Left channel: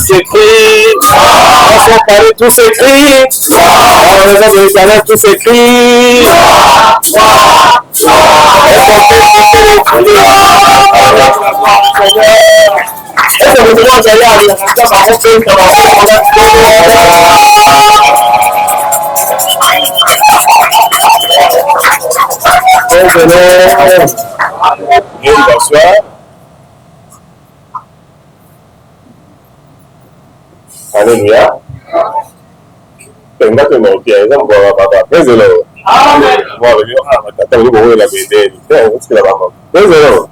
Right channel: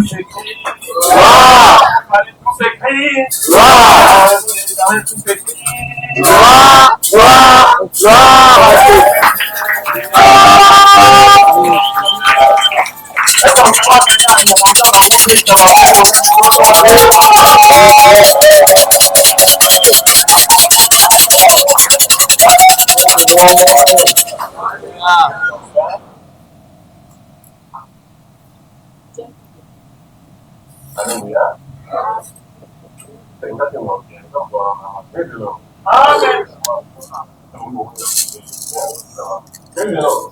s'écrit. À son palais, tout s'écrit. À la maison de l'Éternel, tout s'écrit. Bonsoir. Alléluia. Tenga que no quiere, no puedo papá. Préselo. Amen. Voilà, attends, vous voyez la vérité. C'est la maman. Préselo.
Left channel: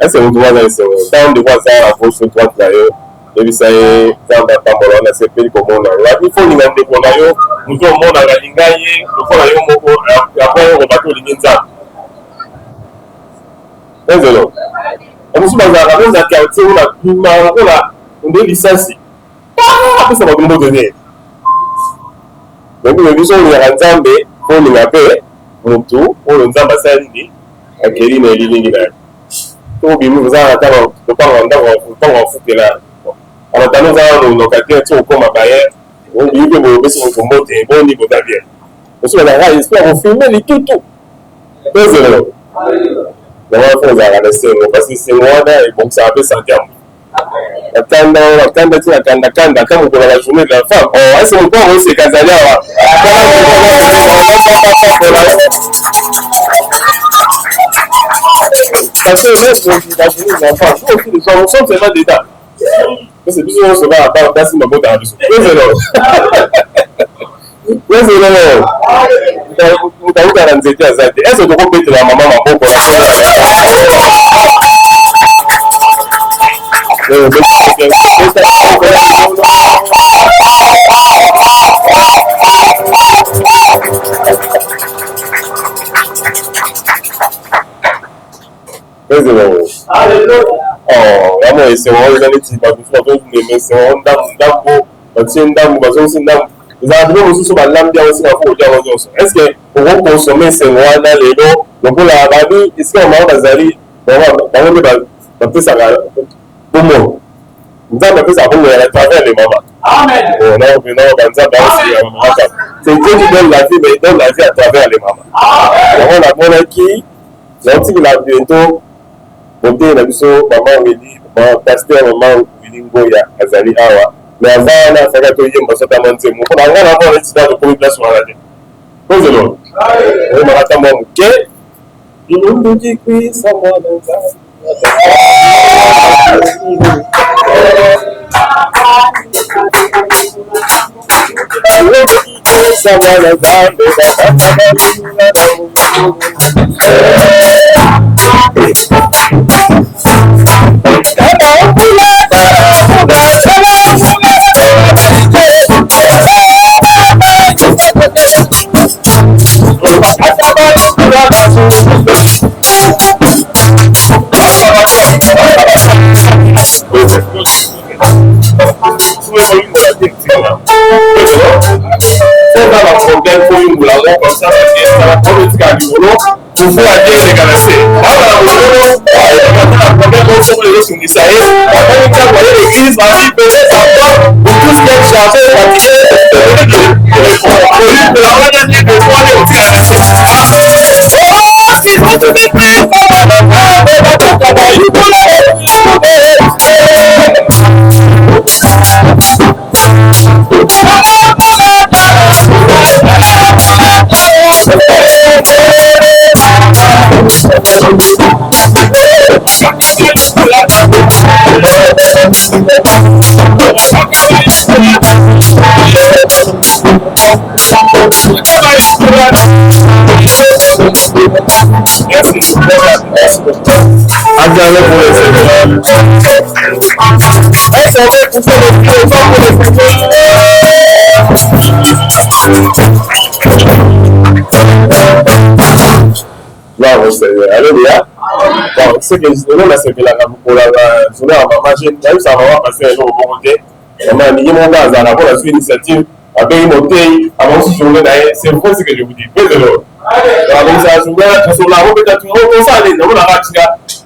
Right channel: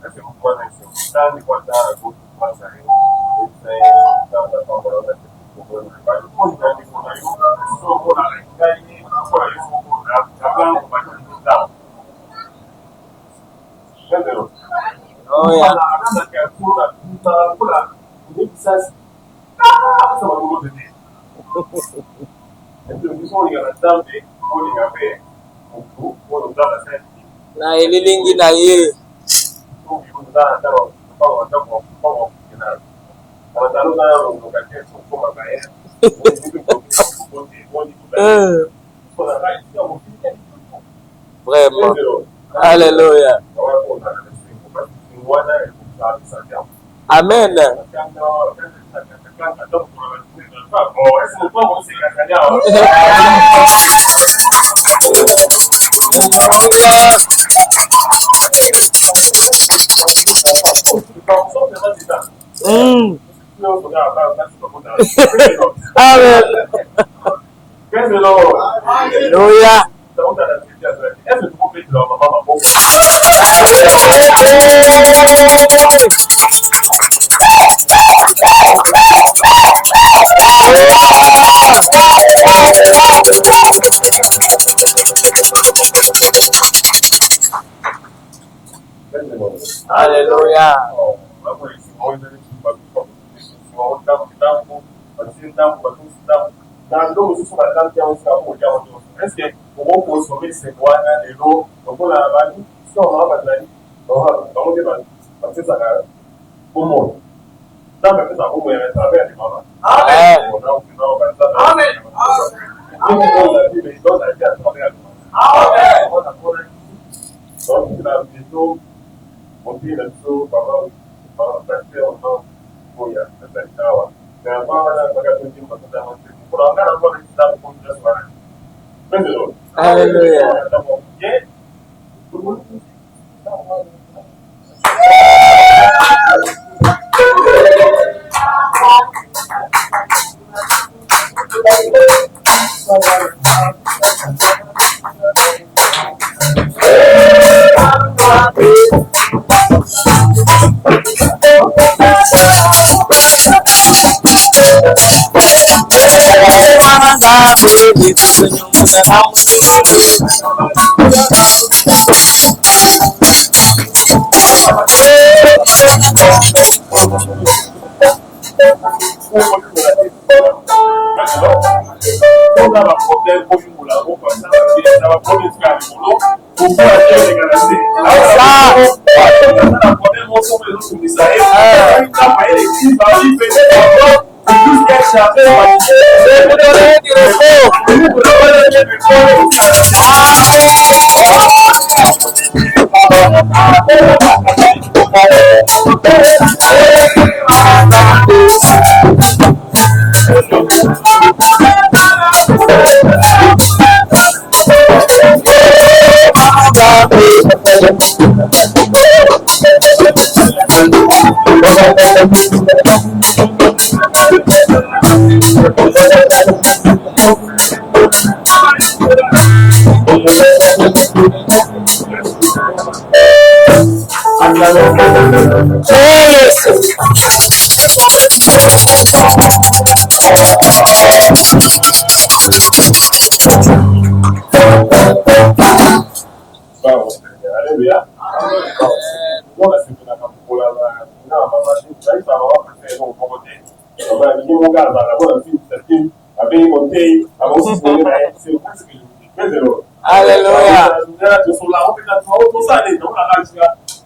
Est-ce que vous voyez ça? Tant de fois ça, la fausse droite là, et puis ça est dans la tambola, on a ces pays comme on a. Là, il faut nous demander qu'on a eu, nous sommes mon à l'ingaye, nous sommes à eu mon après on va tout l'inginza. Préselo. Nous sommes dans la même quartier où on a licence. Après ça va nous donner. Donc nous sommes les Nzambe pour nous appeler Mutu pour nous ambassadeurs. Tout bien nous avons attendre de pas en foutre là. Alors nous avons nos locataires tout comme à Bayer. On dit que vous avez besoin de monter bon niveau d'ailleurs. Nous sommes là j'espère on filmer les tout. Vraiment. Alléluia. Nous allons faire la laisser parce que c'est moi là et comme ça après ça terme. Amen. Kanda kama uko na journée de la femme. Oh, est-ce qu'on peut aussi kazalia wa? Parce que les femmes sont tellement d'état. C'est plus souvent ça va pas passer ma botte. Amen. Alléluia. Vous t'avez dans les états azati. Est-ce que tu peux péter la maman ma botte? Alléluia. Oh, vraiment, c'est vraiment les années qui passent. C'est vraiment est-ce que vous consommez ces mois dans les lots? Donc, la babi, est-ce qu'on va bazali? Pour moi, nous avons fait ça pour à travers les mamans. Amen. C'est Dieu qui donne la vie, mais il donne la vie à travers les mamans. Amen. On a qui, l'antique l'a bientôt, monté la mission, maman Wili, pasteur, maman Wili Ngoya, Azali Awa. Mais avant, on a fait que tu as un peu de temps. On a un peu de temps pour une place sur la vie. Posez-le. On va attendre mon quai. Il nous dit que ça va dans ça. Alléluia. Bon, c'est que je donne la sévère pour la journée à ma machine. Même ça va passer un jour au bon côté. On a mis mon gaz à la bonne initiative. Avec mon thé, avant ce journée d'ailleurs, c'est vrai ce que je vous dis. Faites de l'eau. Alléluia. Ça, je vous dis, tu sur la route, tu as tout ça, les gens, on a raté.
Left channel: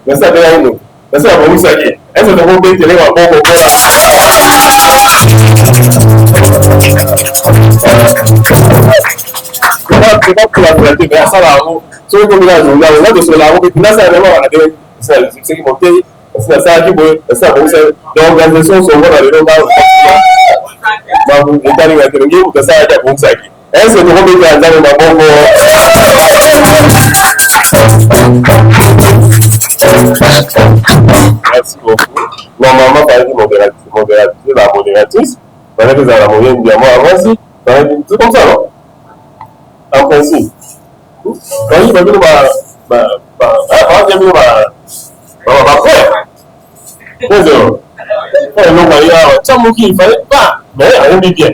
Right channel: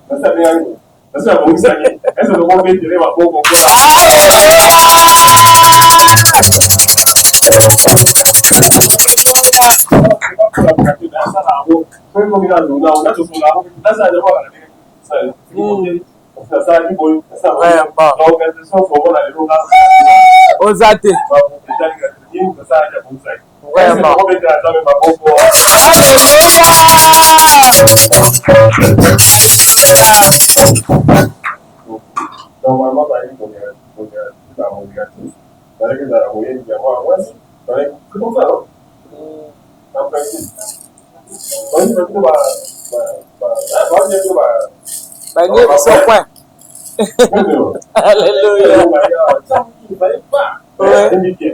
Mais ça vient à nous. Est-ce que vous savez? Est-ce que vous avez télé à bon c'est pas pour la fierté, mais ça là, sur comme là, on a de cela, on peut là ça vraiment c'est qui monte, c'est ça qui bon, ça bon, l'organisation sont voilà les gens aux athées. Bah vous êtes allé avec le game, ça a bon ça qui. Est-ce que vous avez des amis ma bon Merci beaucoup. Normalement, par exemple, la modératrice, par exemple, la moyenne bien moi avant aussi, c'est comme ça, non? En principe. Quand il va venir, il fallait pas, mais rien de bien.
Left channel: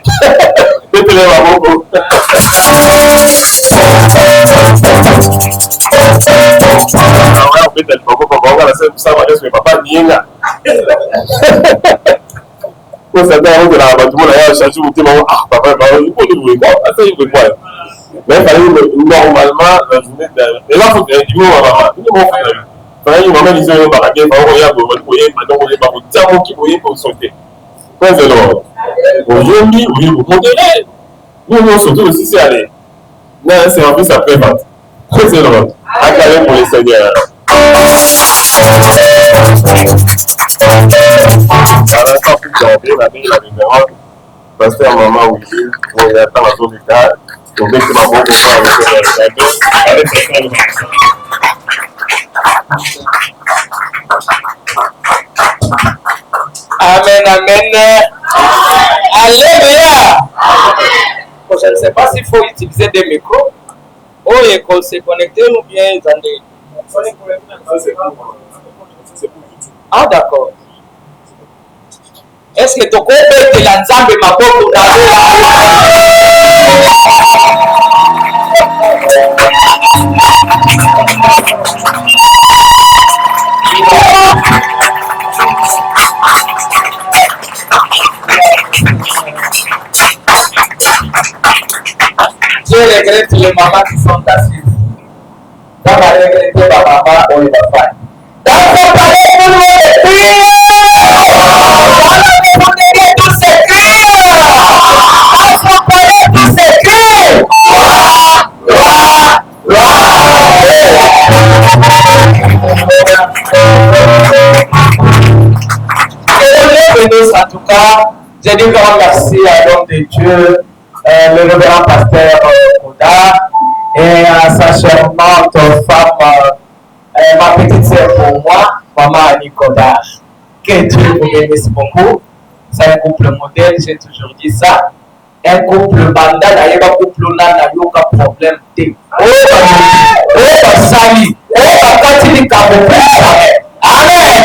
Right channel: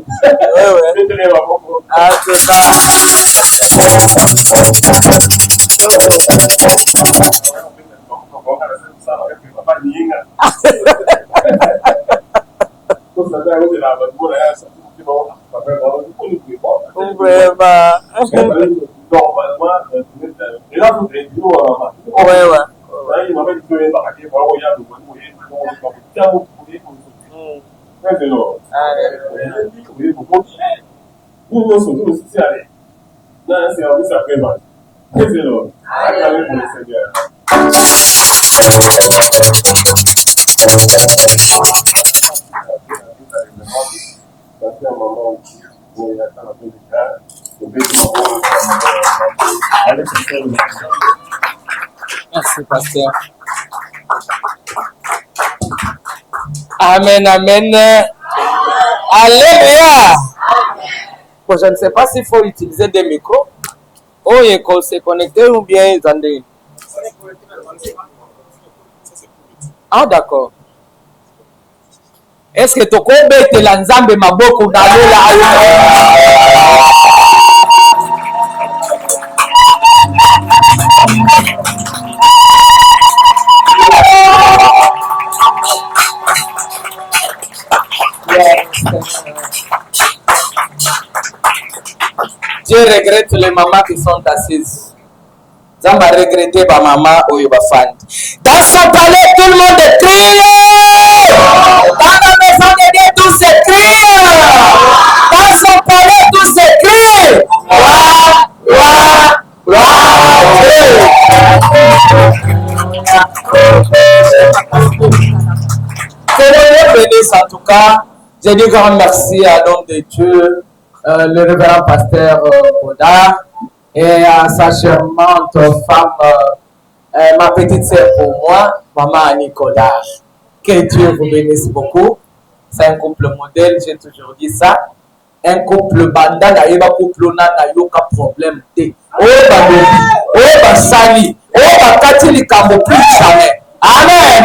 Papa Nienga. Quand ça fait avant que la bâtiment a changé mon témoin, ah papa, il faut nous voir. Attends, il faut quoi? Normalement, la journée de. Et là, il faut que tu maman. Il m'a dit que par exemple, il y a beaucoup de gens qui vont sauter. Alors, aujourd'hui, oui, vous modérez. Nous, nous surtout aussi, c'est aller. Mais un service après-vente. Très drôle. Acclamé pour les seigneurs. Pasteur maman oui, il y a tant de choses donc c'est pas bon pour faire merci pasteur. Amen, amen. Alléluia. Je ne sais pas s'il faut utiliser des micros. Ou il se connecter ou bien attendez. Ah d'accord. Est-ce que tu connais que la nzambe maboko na Je regrette les mamans qui sont assises. Ça m'a regretté ma maman ou ma femme. Dans son palais, tout le monde crie. Dans la maison de Dieu, tout s'écrit. Dans son palais, tout s'écrit. Que Dieu bénisse en tout cas. Je dis grand merci à l'homme de Dieu, le révérend pasteur Koda, et à sa charmante femme, ma petite sœur pour moi, maman Annie Koda. Que Dieu vous bénisse beaucoup. C'est un couple modèle, j'ai toujours dit ça. Un couple bandana, il y a un couple nana, il y a un problème. Amen.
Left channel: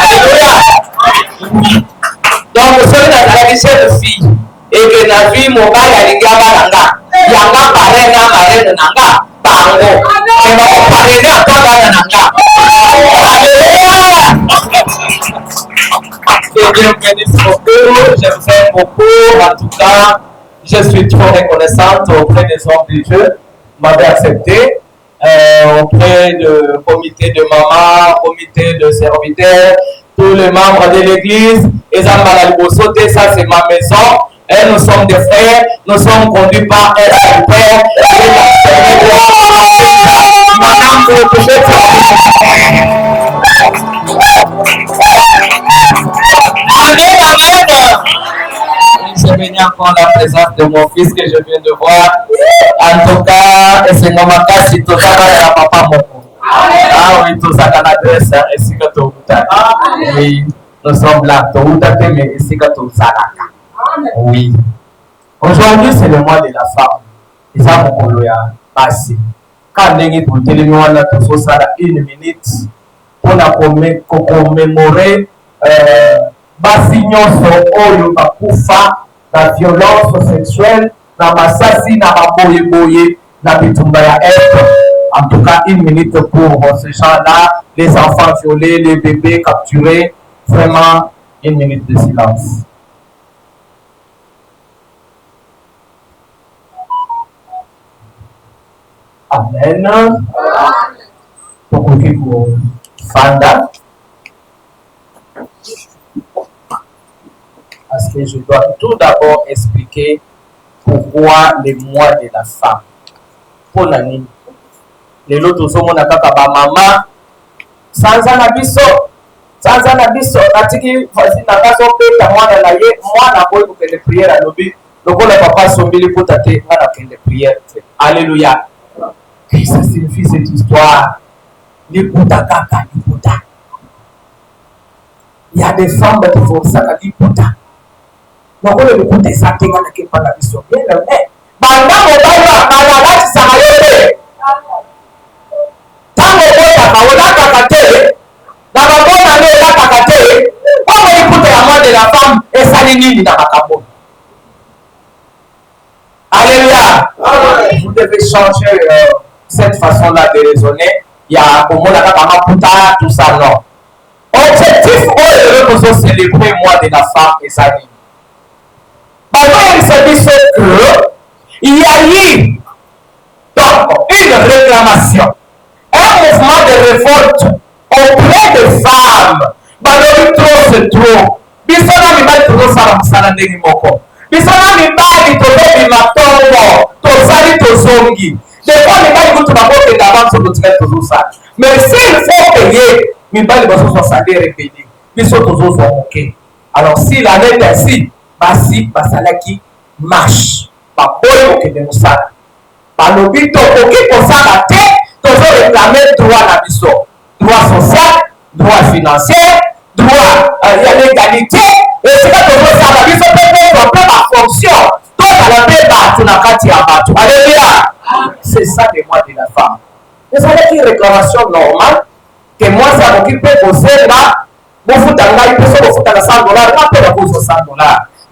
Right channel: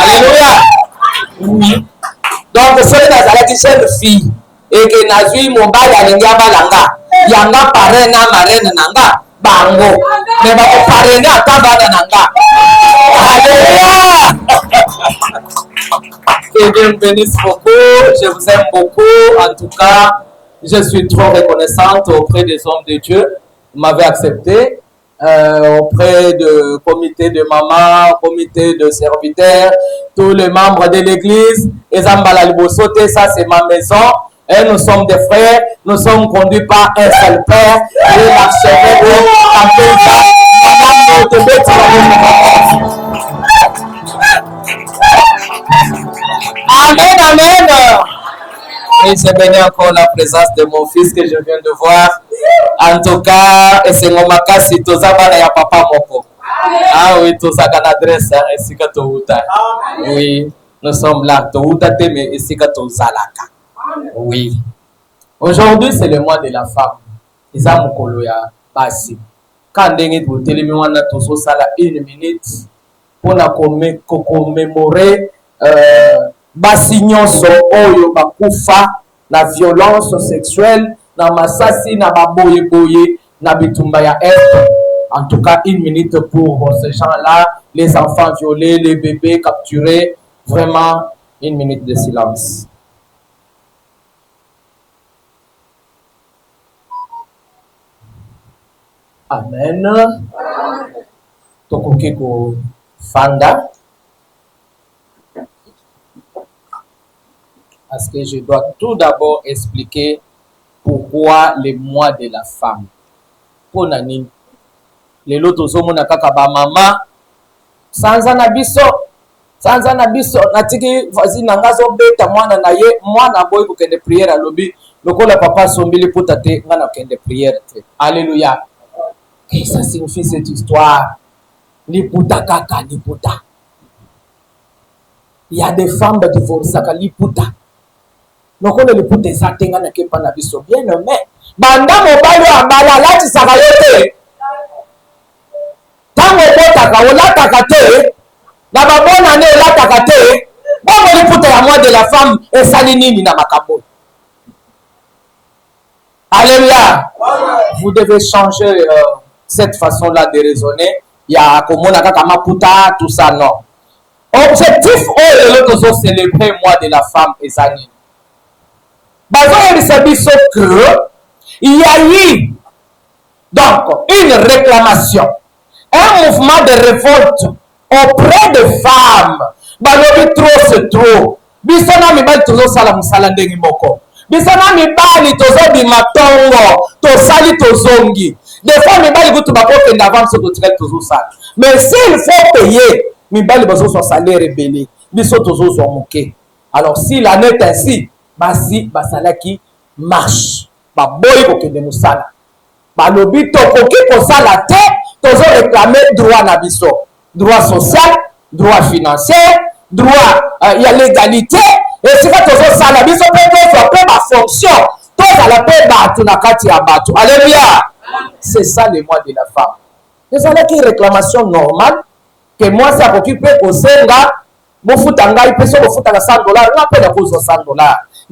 Alléluia. Donc, c'est la fille. Et que la fille, mon bail a des gamalanga. Yanga parrain, marraine, nanga. Bango. Mais mon parrain, n'a nanga. Alléluia. Que Dieu bénisse beaucoup. Je vous aime beaucoup. En tout cas, je suis trop reconnaissante auprès des hommes de Dieu. Vous m'avez accepté. Auprès du comité de maman, comité de serviteurs, tous les membres de l'église, et ça c'est ma maison, et nous sommes des frères, nous sommes conduits par un seul père, et Amen, amen. Et je bénis encore la présence de mon fils que je viens de voir. En tout cas, c'est mon makasi, tout ça va à papa moko. Ah oui, tout ça dans l'adresse, ici que tout oui, nous sommes là, tout mais ici que tout ça là. Oui. Aujourd'hui, c'est le mois de la femme. Ils ont mon coloya, passé. Quand on est pour télévision, on a tout ça là, 1 minute pour commémorer. Basi nyonso oyo bakufa na violence sexuelle na masasi na baboye na bitumba ya être. En tout cas, 1 minute pour ces gens-là, les enfants violés, les bébés capturés. Vraiment, 1 minute de silence. Amen. Tokoki ko Fanda. Parce que je dois tout d'abord expliquer pourquoi le mois de la femme. Pour nani. Les autres hommes na kaka ba mama sanza na biso atiki voici na ngaso beta mwana na ye mwana boy ko kende prière lobi lokola papa sombili pour tate ngana kende prière. Alléluia. Qu'est-ce que ça signifie cette histoire? Liputa kaka liputa. Il y a des femmes qui font ça liputa. Donc on liputa ça tenga na kepa na biso bien mais banda mobali wa bana lati saka yote. Tango bota ka olaka kate na babona ne olaka kate. Bongo liputa ya moi de la femme et sali nini na makabo. Alléluia. Vous devez changer cette façon-là de raisonner. Il y a comme on a kamaputa tout ça non. Objectif est de célébrer le mois de la femme et sa vie. Il s'est dit que il y a eu donc une réclamation, un mouvement de révolte auprès des femmes. Trop trop. Bisona mibali tozosala musala ndenge moko. Bisona mibali tozobima tongo tosali tozongi. Des fois mibali kutu bakokende avant sokotikali tozosala. Mais s'il faut payer mibali bazozwa salaire ebele biso tozozwa moke. Alors si l'année est ainsi basi basalaki marche baboyi kokende mosala balobi tokoki kosala te tozoréclame droit na biso, droit social, droit financier, droit ya légalité esika tozosala biso mpe tozwa mpe bafonction tozala mpe bato na kati ya bato. Alléluia. C'est ça le mois de la femme. ezalaki une réclamation normale que moi ça m'occupe kosenga bofuta ngai mpe so bofutaka $100 nga mpe nakozwa $100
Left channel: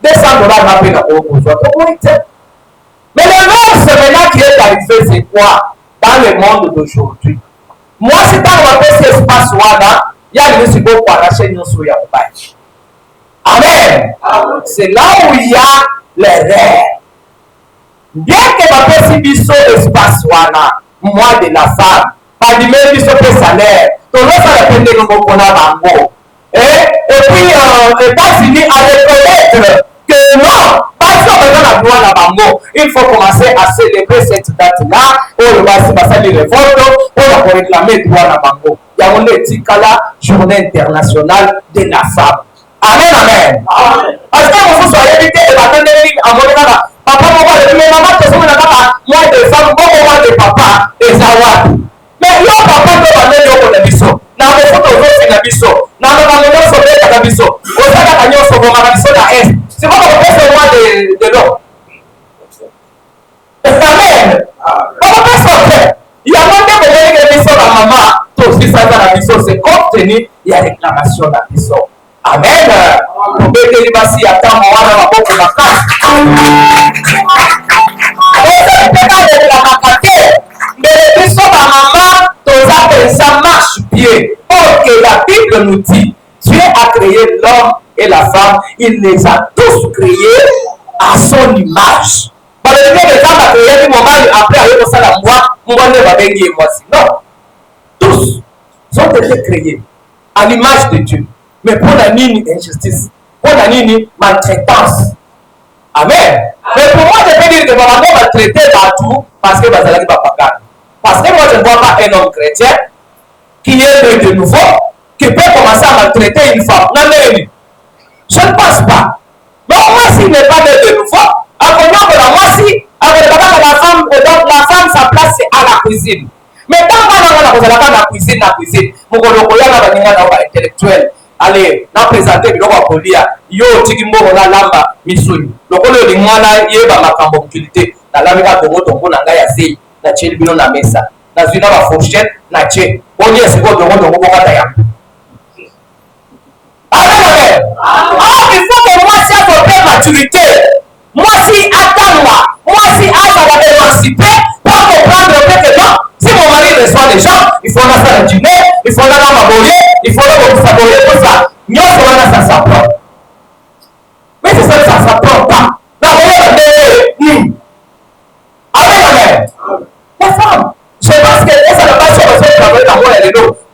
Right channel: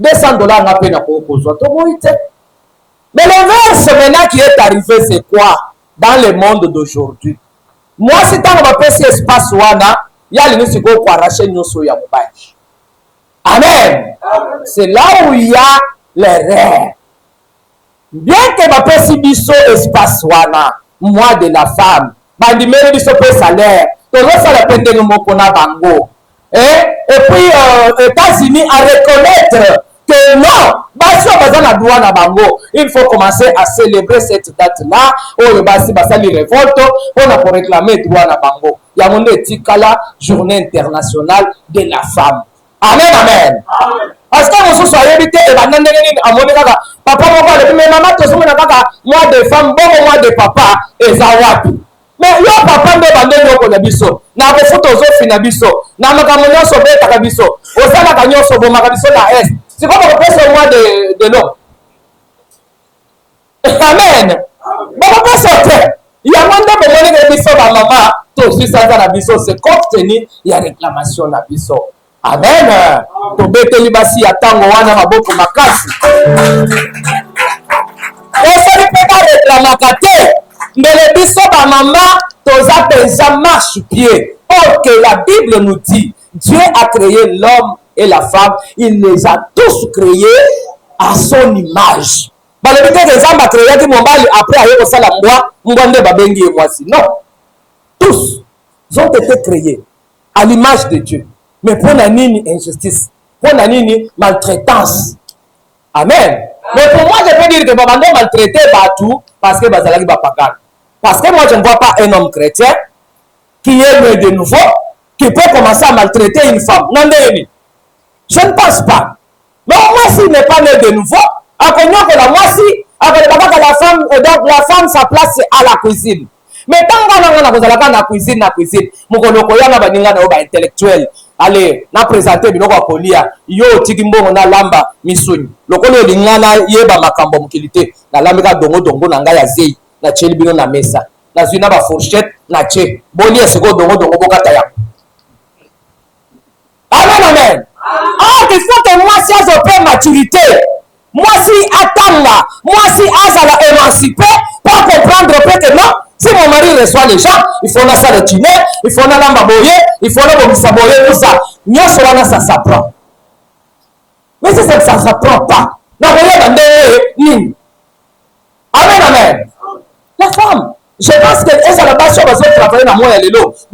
$200 nga mpe nakozwa tomoni te. Mais le verse maintenant qui est arrivé c'est quoi dans le monde d'aujourd'hui? Moi si ntango bapesi espace wana yali nisiko koarrache nyonso ya mobali. Amen. C'est là où il y a l'erreur. Bien que bapesi biso espace wana mois de la femme bandimeli biso mpe salaire tozosala mpe ndenge moko na bango. Et puis États-Unis à reconnaître que non, il faut commencer à célébrer cette date-là. On va les révoltes, on va réclamer droit à Bango. Il y a une étikala journée internationale de la femme. Amen, amen. Parce que vous soyez évité et à mon papa, moi de femme, moi de papa, et ça. Mais le papa peut demander le biso. Na le photo zofi na biso. Na makambo so beta na biso. Osala kanyo so goma na biso na est. C'est pas pour passer moi de l'eau. Amen. Bon pas sortir. Il y a même des bénéfices de biso na maman. Tout aussi ça na biso c'est compte tenu il y a réclamation na biso. Amen. Pour bete libasi ya tango wana maboko makasi. Osali peta réclamation. Mais le biso ba maman toza pensa marche pied. Or que la Bible nous dit, Dieu a créé l'homme et la femme, il les a tous créés à son image. Après, non, tous ont été créés à l'image de Dieu. Mais pour la nini injustice, pour la nini maltraitance. Amen. Mais pour moi, je peux dire que maman maltraité partout parce que Bazalaki va pas. Parce que moi, je ne vois pas un homme chrétien qui est né de nouveau, qui peut commencer à maltraiter une femme. Non, non, je ne pense pas. Donc, moi, s'il n'est pas né de nouveau, après moi, si, avec la femme, donc la femme, sa place, c'est à la cuisine. Mais tant qu'on a pas la cuisine, mon intellectuel, allez, na présenter biloko ya kolia, yo tikimbo na lamba misuni. Lokolo lingwana yeba makambo mukilité, na lambika dongo na ngai ya zei, na cheli bino na mesa. Na zina ba fourchette na che. Boni esiko dongo bokata ya. Amen. Ah, il faut que moi si à pleine maturité, moi si attendre, moi si à la émancipé, pour comprendre que non, si mon mari reçoit les gens, il faut la salle de dîner, il faut la maboyer, il faut la saboyer, tout ça. Nous sommes ça s'apprend. Mais ça s'apprend pas. Non, amen, amen. La femme,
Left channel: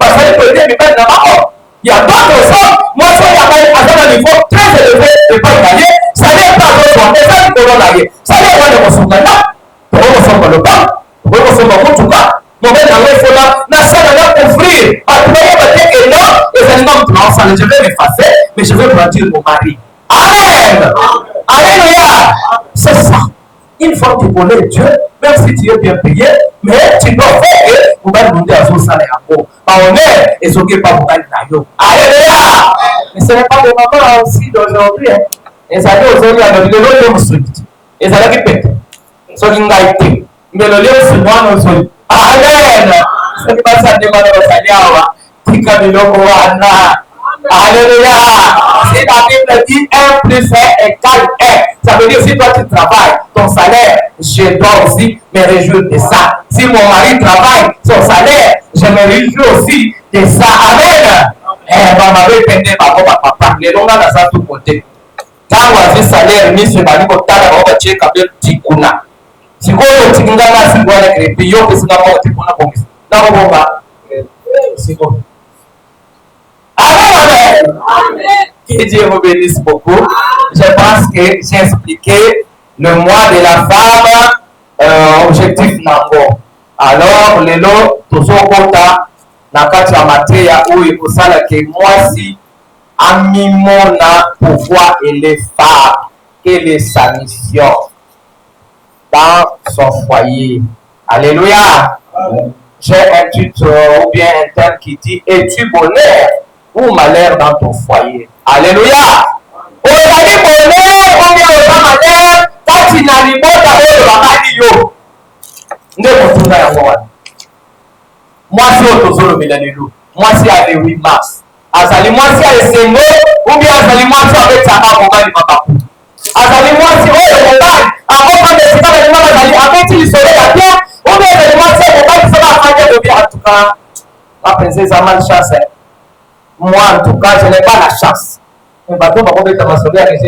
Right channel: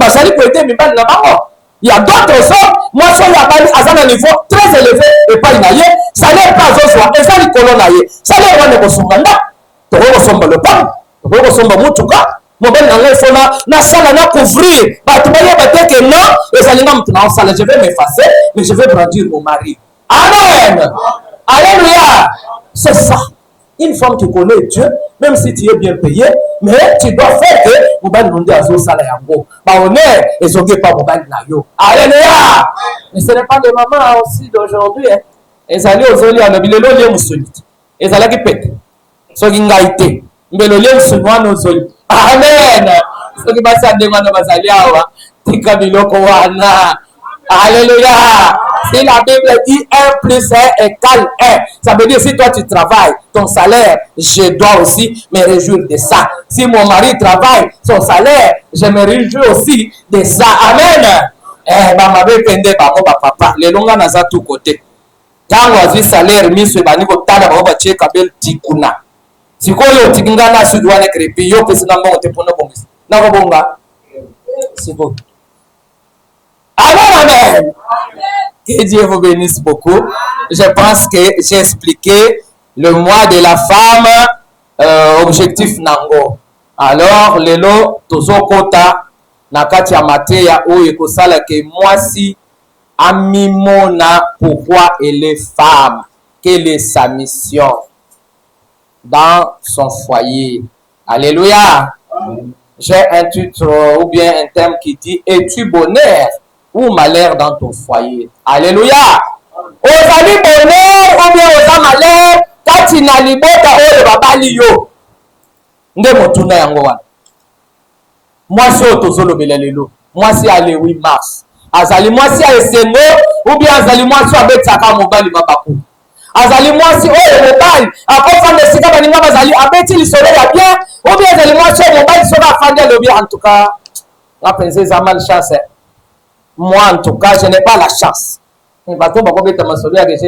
bazali koyede mibali na bango. Il y a d'autres hommes, moi je suis à un niveau très élevé et pas inaye, ça n'est pas au soir, et ça likolo na ye, ça n'est pas de mosungana, to mosongo le pas, to mosongo mutuka, mobile na il faut na sala na couvrir, ba tu voyez ba que non, les aliments tu m'as je vais m'effacer, mais je vais brandir mon mari. Amen. Alléluia. C'est ça. Une fois que tu connais Dieu, même si tu es bien payé, mais tu dois faire que vous allez demander à son salaire en gros. On est et ce qui n'est pas vous allez nayo. Alléluia. Mais ce n'est pas de maman aussi d'aujourd'hui. Et ça dit aux amis, alors il est le lieu solide. Et ça l'a qui pète. Ce qui n'a été. Mais le lieu sur moi, nous sommes. Amen. Ce qui passe à demander à Saliawa. Tika miloko wana. Alléluia. Si la Bible dit 1 plus 1 égale 1, ça veut dire si toi tu travailles, ton salaire, je dois aussi me réjouir de ça. Si mon mari travaille, son salaire, je me réjouis aussi de ça. Amen. Maman veut pendre papa. Les longs dans ça tout côté. Quand on a salaire, mis sur bani ko tala on va checker bel tikuna. Si ko yo tikinga na si doit créer yo que c'est na mo te pona bongis. Na ko bomba. Si ko. Amen. Que Dieu vous bénisse beaucoup. Je pense que j'ai expliqué le mois de la femme, objectif nango. Alors, lelo, tozo kota, nakati ya mateya oyo ekosala ke mwasi amimona pouvoir et les femmes. Quelle est sa mission dans son foyer? Alléluia. J'ai un titre ou bien un thème qui dit: es-tu bonheur ou malheur dans ton foyer? Alléluia. Ozali bonheur ou bien oza malheur kati na libota oyo babali yo. Nde motuna yango wana. Mwasi oyo tozolobela lelo. Mwasi ya le 8 mars. Azali mwasi ya esengo ou bien azali mwasi abetaka mobali babaku. Azali mwasi oyo mobali akofa desika balinga bazali abeti lisolo ya bien ou bien azali mwasi oyo mobali sola afandi alobi en tout cas la princesse a malchance. Moi, en tout cas, je n'ai pas la chance. Mais par contre, j'ai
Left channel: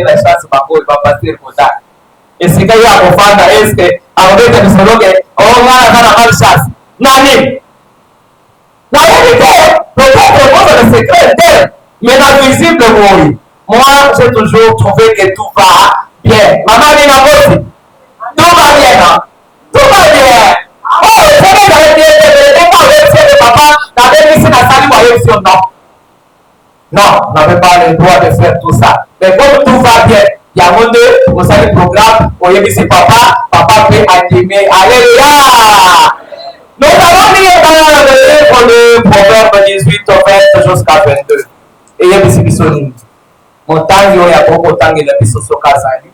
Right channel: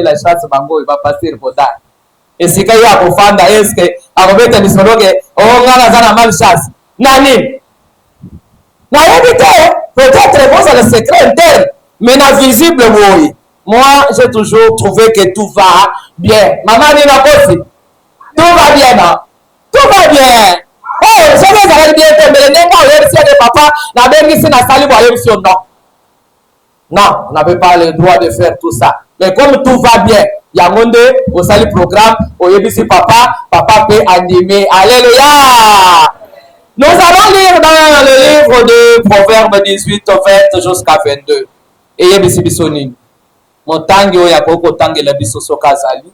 la chance, il va passer le quota. Et si quelqu'un a confondé, est-ce que on a la malchance? Nani? Peut-être que le secret d'elle, mais dans le visible, oui. Moi, j'ai toujours trouvé que tout va bien. Maman dit ma bosse. Tout va bien, non? Tout va bien. Oh, je vais dire que papa, la belle ici n'a pas eu non. Non, on n'avait pas le droit de faire tout ça. Mais comme tout va bien, il y a un monde, on sait le programme, on y dit papa peut animer. Alléluia! Nous allons lire dans le livre de Proverbes 18, 20 jusqu'à 22. Et il y a des bisonines. Mon temps, il y a beaucoup de temps, il y a des bisons Kazali.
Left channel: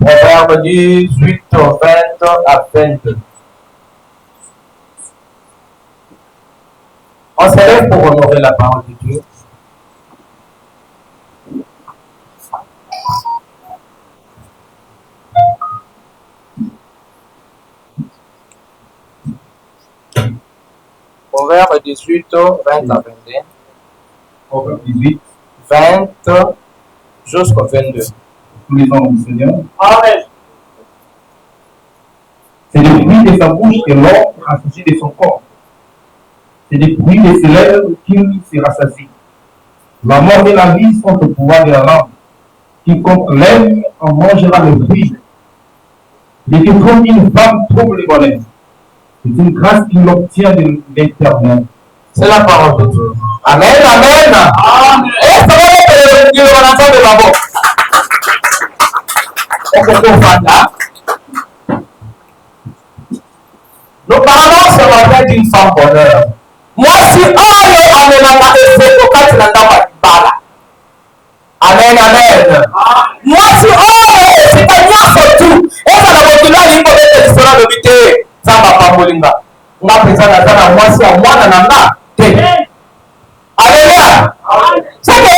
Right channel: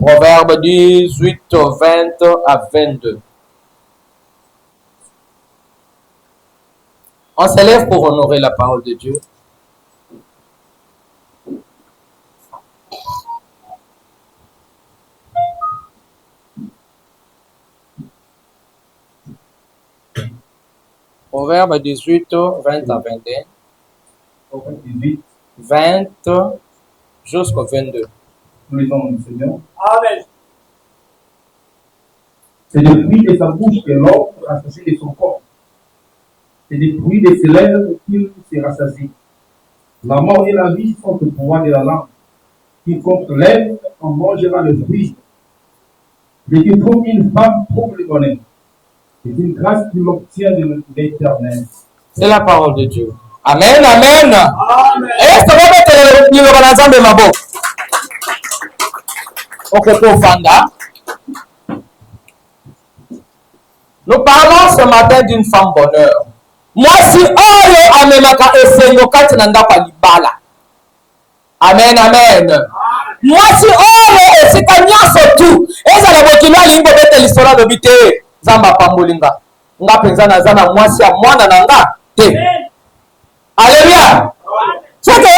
Proverbes 18, 20 à 22. On s'élève pour honorer la parole de Dieu. Proverbe 18, 20 à 21. Proverbe 18, 20 jusqu'au 22. tous les ans du Seigneur. Amen. C'est le fruit de sa bouche que l'homme assasie de son corps. C'est le fruit de ses lèvres qu'il se rassasie. La mort et la vie sont au pouvoir de la langue. Quiconque l'aime en mangera le fruit. Mais que comme une femme trouve le bonheur, c'est une grâce qu'il obtient de l'Éternel. C'est la parole de Dieu. Amen, amen. Amen. Et ça va être le organisation de ma boque. Nous parlons ce matin d'une femme bonheur. Moi, si on amemaka esendo kati na ndako alibala. Amen, amen. Moi, si on esika nyonso tu, ezala mokili alingo bete lisolo lobi te, zamba pambolinga. Nga penza naza na mwasi ya mwana na nga te. Alléluia. C'est que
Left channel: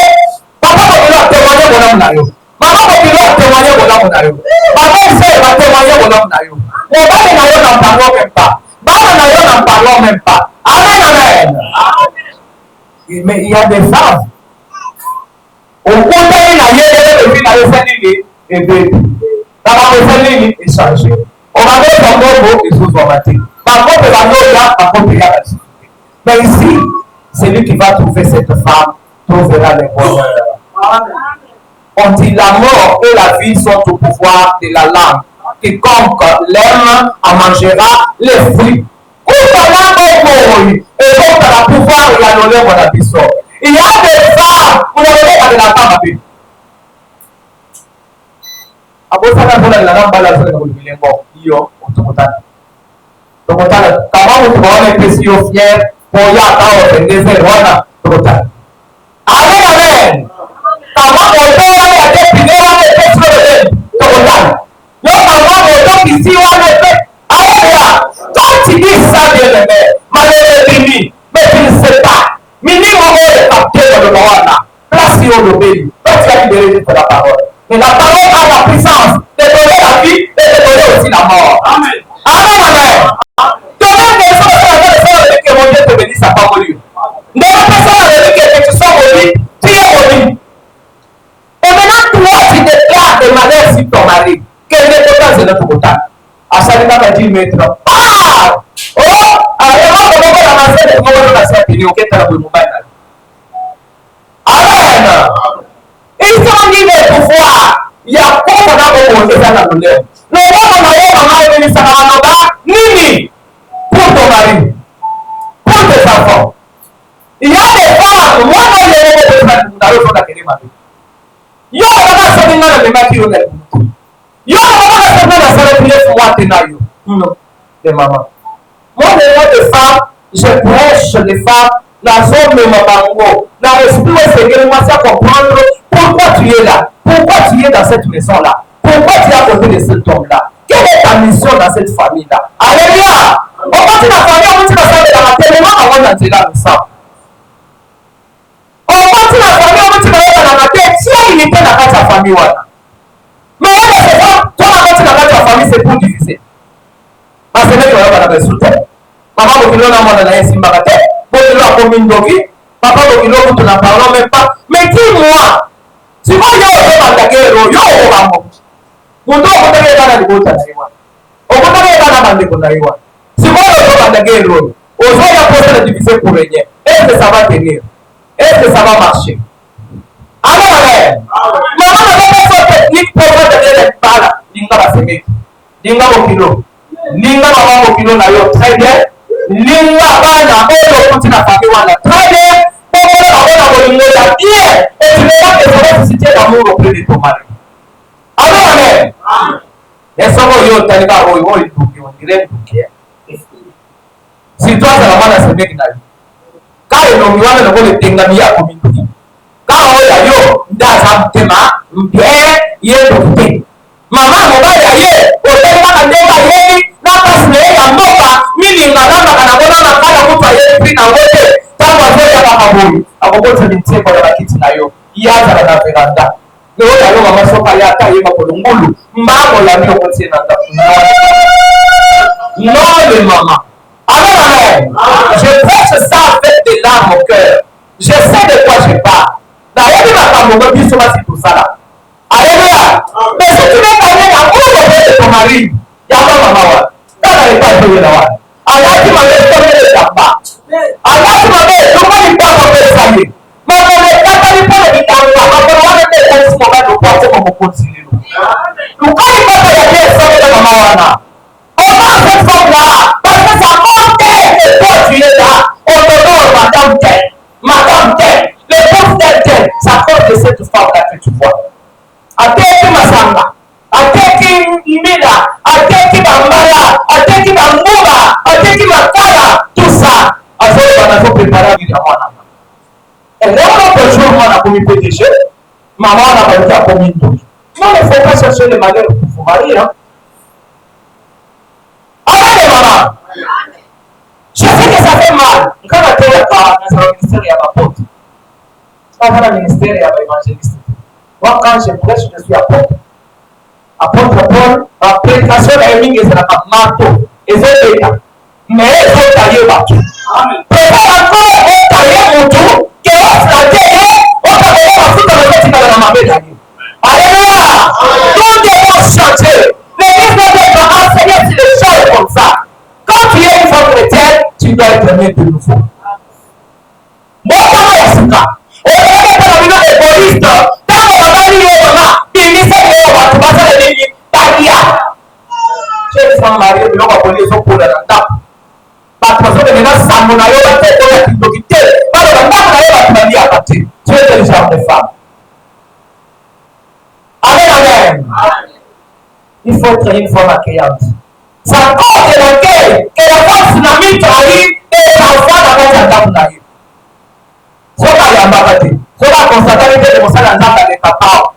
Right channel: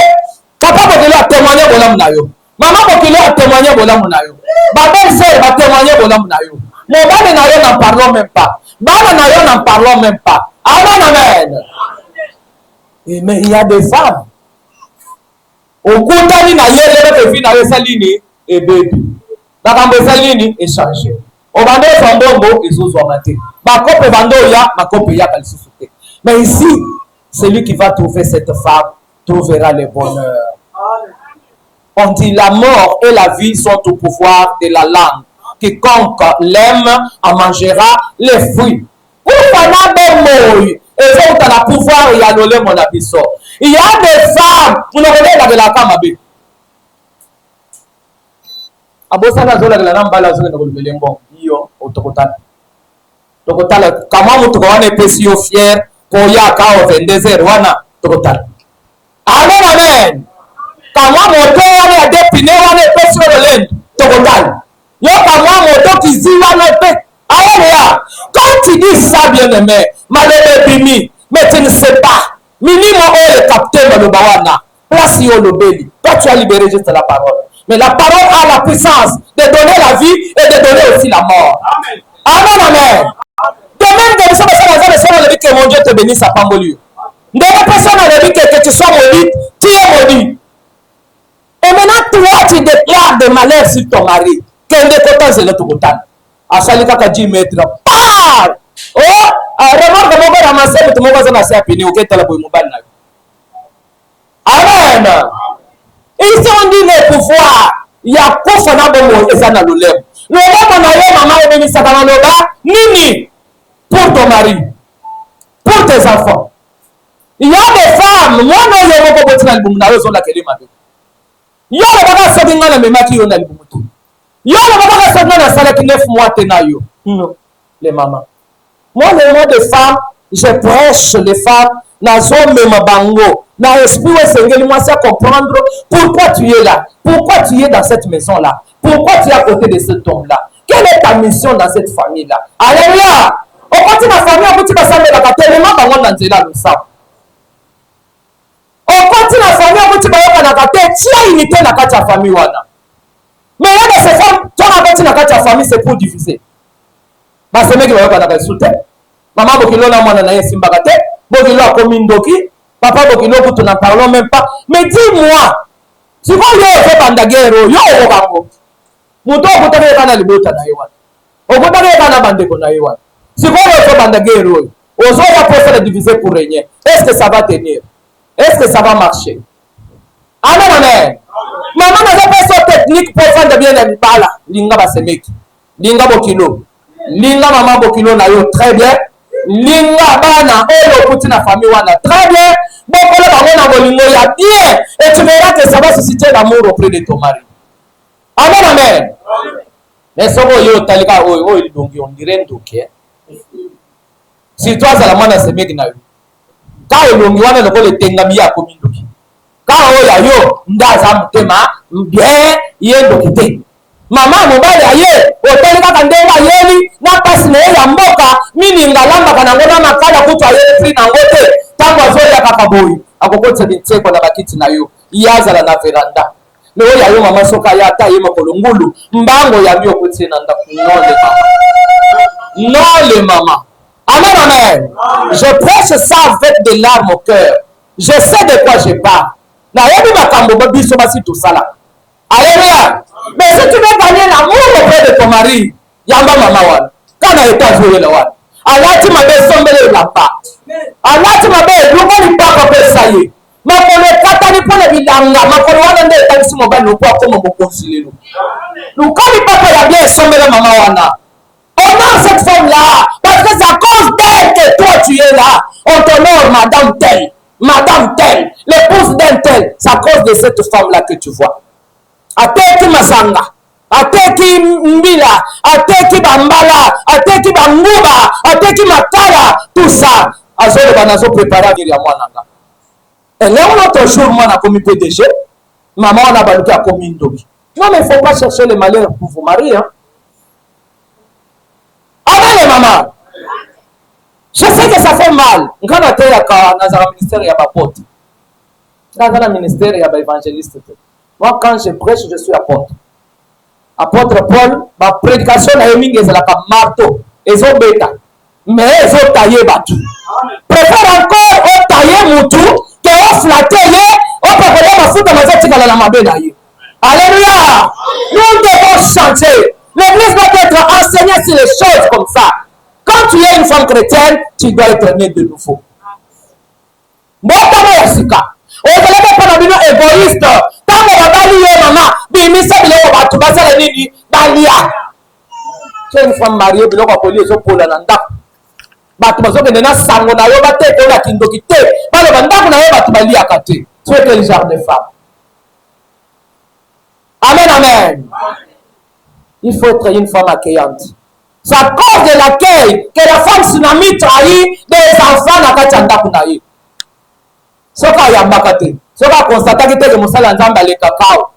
papa mokili a témoigné bonhomme na yo. Maman mokili a témoigné bonhomme na yo. Maman sœur va témoigner bonhomme na yo. Mobali na yo n'en parlons même pas. Baba na yo n'en parlons même pas. Amen, amen. Mais il y a des femmes. Au côté na yele de vie na yosalini et bébé. Baba yosalini et chargé. On va mettre en bobo et sous formaté. Ma copie va no ya, ma copie ya elle suffit. Mais ici, celui qui va trouver cette femme trouvera le bonheur. On dit la mort et la vie sont au pouvoir de la langue. Quiconque l'aime en mangera les fruits. Il y a pouvoir il y a des femmes qui ne veulent pas de la femme. Amen. Comment moto wana ya dépine wana epesi lolendo tokotana yo kama moto kisi wana epe alléluia. Quand tu dis ça bien aimé malheur bimi mais tu ne sais pas minimum le capteur de wana place yo lobeli toi tu as libéré juste la parole mais la parole a la puissance de donner la vie et de donner aussi la mort. Amen. Amen. Amen. Demain que ça va dire que mon Dieu te bénisse à pas mourir. Ne personne n'a dit que tu sois maudit, tu es maudit. Et maintenant, toi, tu déclares de malheur sur ton mari. Quel est le temps de notre bouton? À chaque fois que tu mets là, oh, alors comment on va ramasser le moment où on va s'appuyer au quête à la bouille mobile. Amen. Ils sont dit le pouvoir. Il y a quoi ça dans le monde, ça dans le lait. Le monde va y ça va nini pour ton mari, pour tes enfants. Il y a des femmes, moi, je vais vous dire que vous avez besoin d'accueillir ma vie. Il y a des femmes qui ont des mamans qui ont des mamans. Il y a des mamans qui ont des mois tenayo. Les mamans. Moi, des femmes, je prêche les femmes dans zone de bango, dans l'esprit de Seigneur, moi, c'est à comprendre pourquoi tu es là, pourquoi tu es dans cette maison-là, pourquoi tu es à côté de cet homme-là. Quelle est ta mission dans cette famille-là? Alléluia! On continue la famille, on continue la salle de la maternité, on va dans là tout ça. On continue la famille, on continue la maternité, tu as unité dans la famille. Mais il y a des femmes, toi, on continue la famille, c'est pour diffuser. Parce que les gens vont dans le soutien. Maman, vous voulez la monnaie, c'est Mbagate. Vous voulez la commune d'Oki. Papa, vous voulez que tu n'en parles même pas. Mais dis-moi, si vous avez un guerre, vous avez un mot. Vous avez un mot. Si vous avez un guerre, vous avez un diviser pour régner. Est-ce que ça va tenir? Est-ce que ça va marcher? Amen, amen. Maman, vous avez une technique pour faire de la bala. Linga va se mettre. Linga bokino. Linga maman bokino na yo très bien. Linga bana olo kuti na famille wana très bien. Bokolo babona bolingo ya bien. Et tu verras que ça va susciter l'amour auprès de ton mari. Amen, amen. Mais ça va yo talika oyo ndoki on dirait ndoki. Si toi ça la mwana se mettre na yo. Quand ndoki wana na ko le tengami ya komi ndoki. Quand oya yo ndaza mutema mbie yendo mama mobali aye oteli kaka ndenga yeli na pasi na ye ya mboka mini ngalamba kana bona na kala kutu aye free na wote tangu azoya kaka boyu akobotsa minteko na bakiti na yo yazala na veranda mais oya yo mama soka ya ta yema kolongulu mbango ya bio koti na nda non le mama. Amen, amen. Je prêche ça avec des larmes au cœur. Je sais de quoi je parle. Na yebi makambo biso basi tout ça là. Alléluia. Mais si tu veux gagner l'amour auprès de ton mari, il y a maman. Quand elle est arrivée là, alors tu m'avais sommet là-bas. Alors tu m'avais dit, pas pour ça y est. Ma collègue, quand tu prends le vitamine là, ma collègue, on est dans ce moment où on peut concilier. Nous, quand il papa y a bien sommet de maman, on a cette femme-là, parce que c'est à cause d'elle que toi tu es là. On te nomme madame telle, l'épouse d'un tel. C'est à cause de cette femme-là que tu vois. Ateki masanga, ateki mbila, ateki bambala, ateki banguba, ateki makala, tout ça. Azole banazo préparer à mwana. Et là on a toujours mwana comme PDG, maman on a baluka comme indoki. Non mais faut pas chercher le malheur pour vous marier hein. Avant les mamans. Je sais que ça fait mal. Quand on a été dans un ministère, il y a ma pote. Dans un ministère, il y a l'évangéliste. Moi, quand je prêche, je suis apôtre. Apôtre Paul, ma prédication est mingi, c'est la marteau. Ils ont bêta. Mais ils ont taillé battu. Préfère encore tailler mon tour, que on flatte, on peut aller ma foule dans la fête, dans la mabé d'ailleurs. Alléluia. Nous devons chanter. L'église doit être enseignée sur les choses comme ça. Quand tu es une femme chrétienne, tu dois être né de nouveau. mbotama ya sika ozeleke mpona bino égoïste ntango babali ye mama bimisa biloko bato basala nini balia so une femme mariée biloko akolia ezokola na ndako bato bazokende na sango na yo batekola kindoki te baloba ndako na yo bato baliaka te tu es le genre de femme. Amen, amen. Il faut être une femme accueillante. C'est à cause de l'accueil que la femme tsunami trahit des enfants dans la tchandam. Ce n'est pas yambaka te. Ce n'est pas constaté que les monsales en le cacao.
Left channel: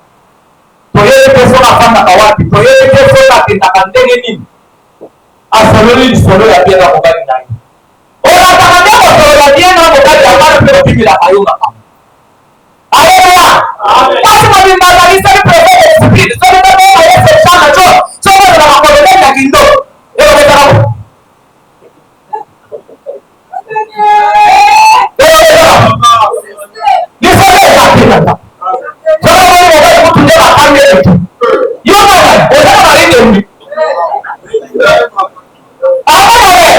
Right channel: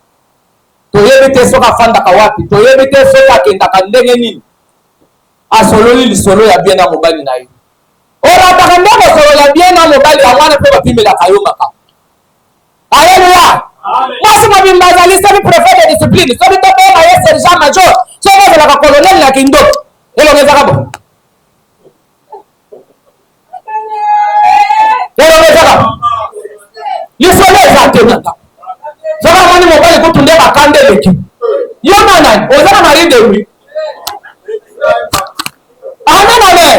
Tu es le son à femme d'Akawapi. Tu es le son à Kendakandengeni. À Sololi, le solo ya bien à Mogani Naï. On a tardé à Sololi ya bien à Mogani à Wana pour le la Kayumaka. Alléluia. Parce que nous avons le prophète de discipline. Si nous avons ces gens majeurs, si nous avons la colonelle la Kindo, et le Bézarabo. Et le Bézarabo. Il faut les acter maintenant. Si vous avez le modèle pour tourner la carte de l'équipe. Il y a un malade. On a un mari de lui. Amen, amen.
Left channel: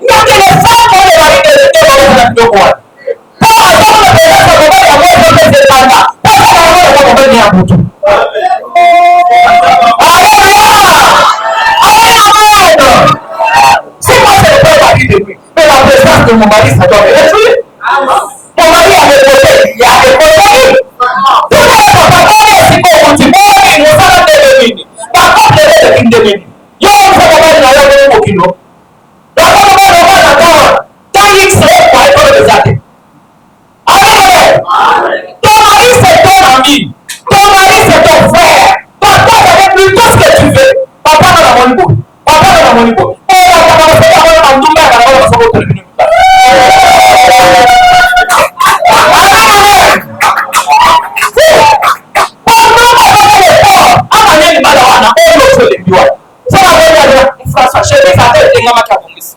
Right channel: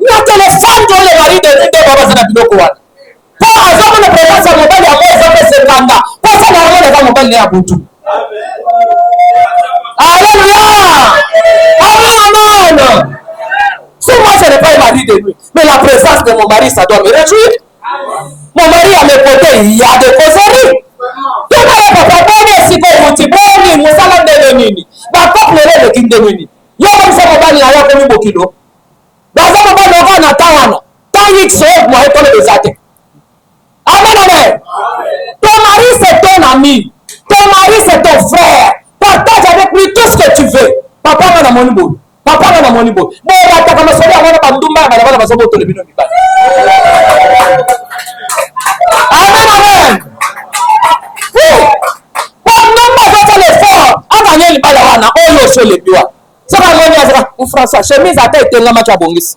Il y a que les femmes qui ont les maris de l'équipe. Mais la présence de mon mari, ça doit me réjouir. Mon mari a mes côtés, il y a des causeries. Tout le monde peut pas si pour mon petit bon, mon salon de l'ennemi. Ma couple de King. Il y a un salon de l'ennemi au kilo. Dans un moment, on va attendre. Tant qu'il se moi, et le désaté. Amen, amen. Ton mari, c'est ton ami. Ton mari, c'est ton frère. Partage avec lui tout ce que tu veux. Papa n'a mon niveau. Papa n'a mon niveau. Mais il a commencé à avoir un douma, il a commencé à avoir un douma. Amen, amen. Pendant que je fais l'effort, à manière de Balawana, on le fait les bureaux. Ça va même dire, François, chemise à tête, t'es un match à Bongis.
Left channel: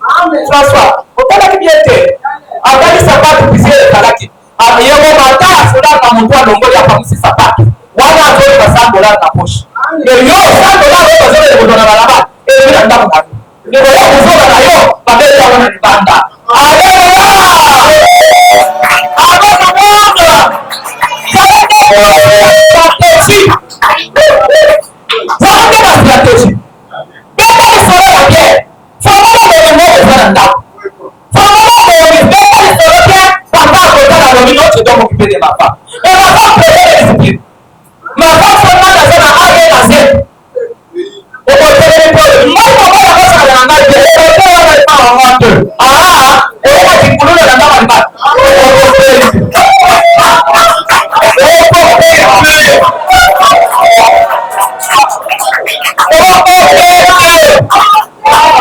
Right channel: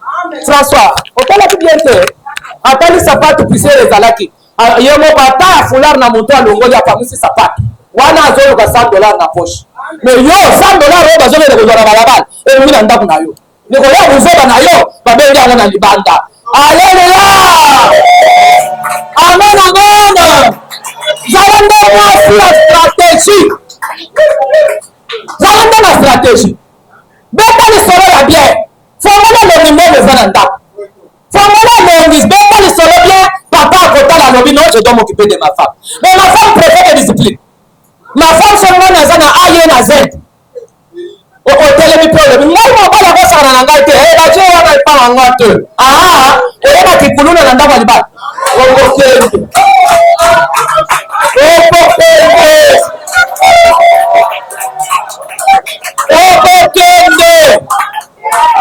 François, autant la bien t'es. Après, ça va te pousser les alaki. Il y a un bata à foulard dans mon toit, l'ongo, il y a pas mis ses sapates. Wana azolo ba $100 na poche. Mais yo $100 ba zolo le kutona barabara. Emi na ndako na yo. Ne ko yo kuzoba na yo, ba beli ya wana libanda. Alléluia! Amen, amen. Zalande kwa stratégie. Zalande kwa stratégie. Beta ni solo la bien. Formula le numéro de Zalanda. Formula le numéro, beta ni solo bien. Papa kota la nomino, je dois m'occuper de ma femme. Mais ma femme préfère la discipline. Ma femme seulement dans un A et un Z. Au côté de l'hypode, moi je m'en vais la faire dans la gâte. Et bah tu vas pas en gâte. Ah, et là qui coule dans la gâte. Au côté de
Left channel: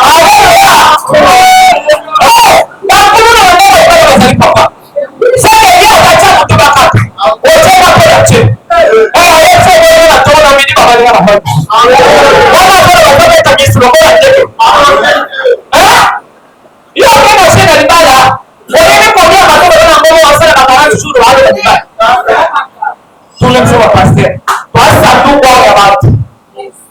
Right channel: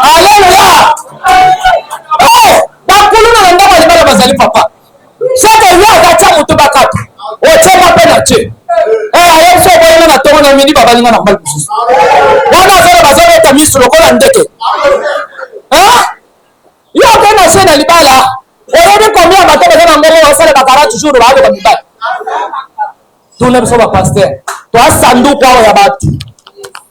Alléluia. Oh, la couleur dans la gâte, vas-y papa. Ça que lui a battu mon tobacco. Au tient pas pour la tuer. Midi baba ni mwana mbali. Wana zero bazaba tamisi lokola ndeke. Yo tena shena libala. Wewe kwa mimi batoka tena ngoma wasala bakara tujuru baada ya libala. Tunamsoma pastor. Twa sanduku ya watu.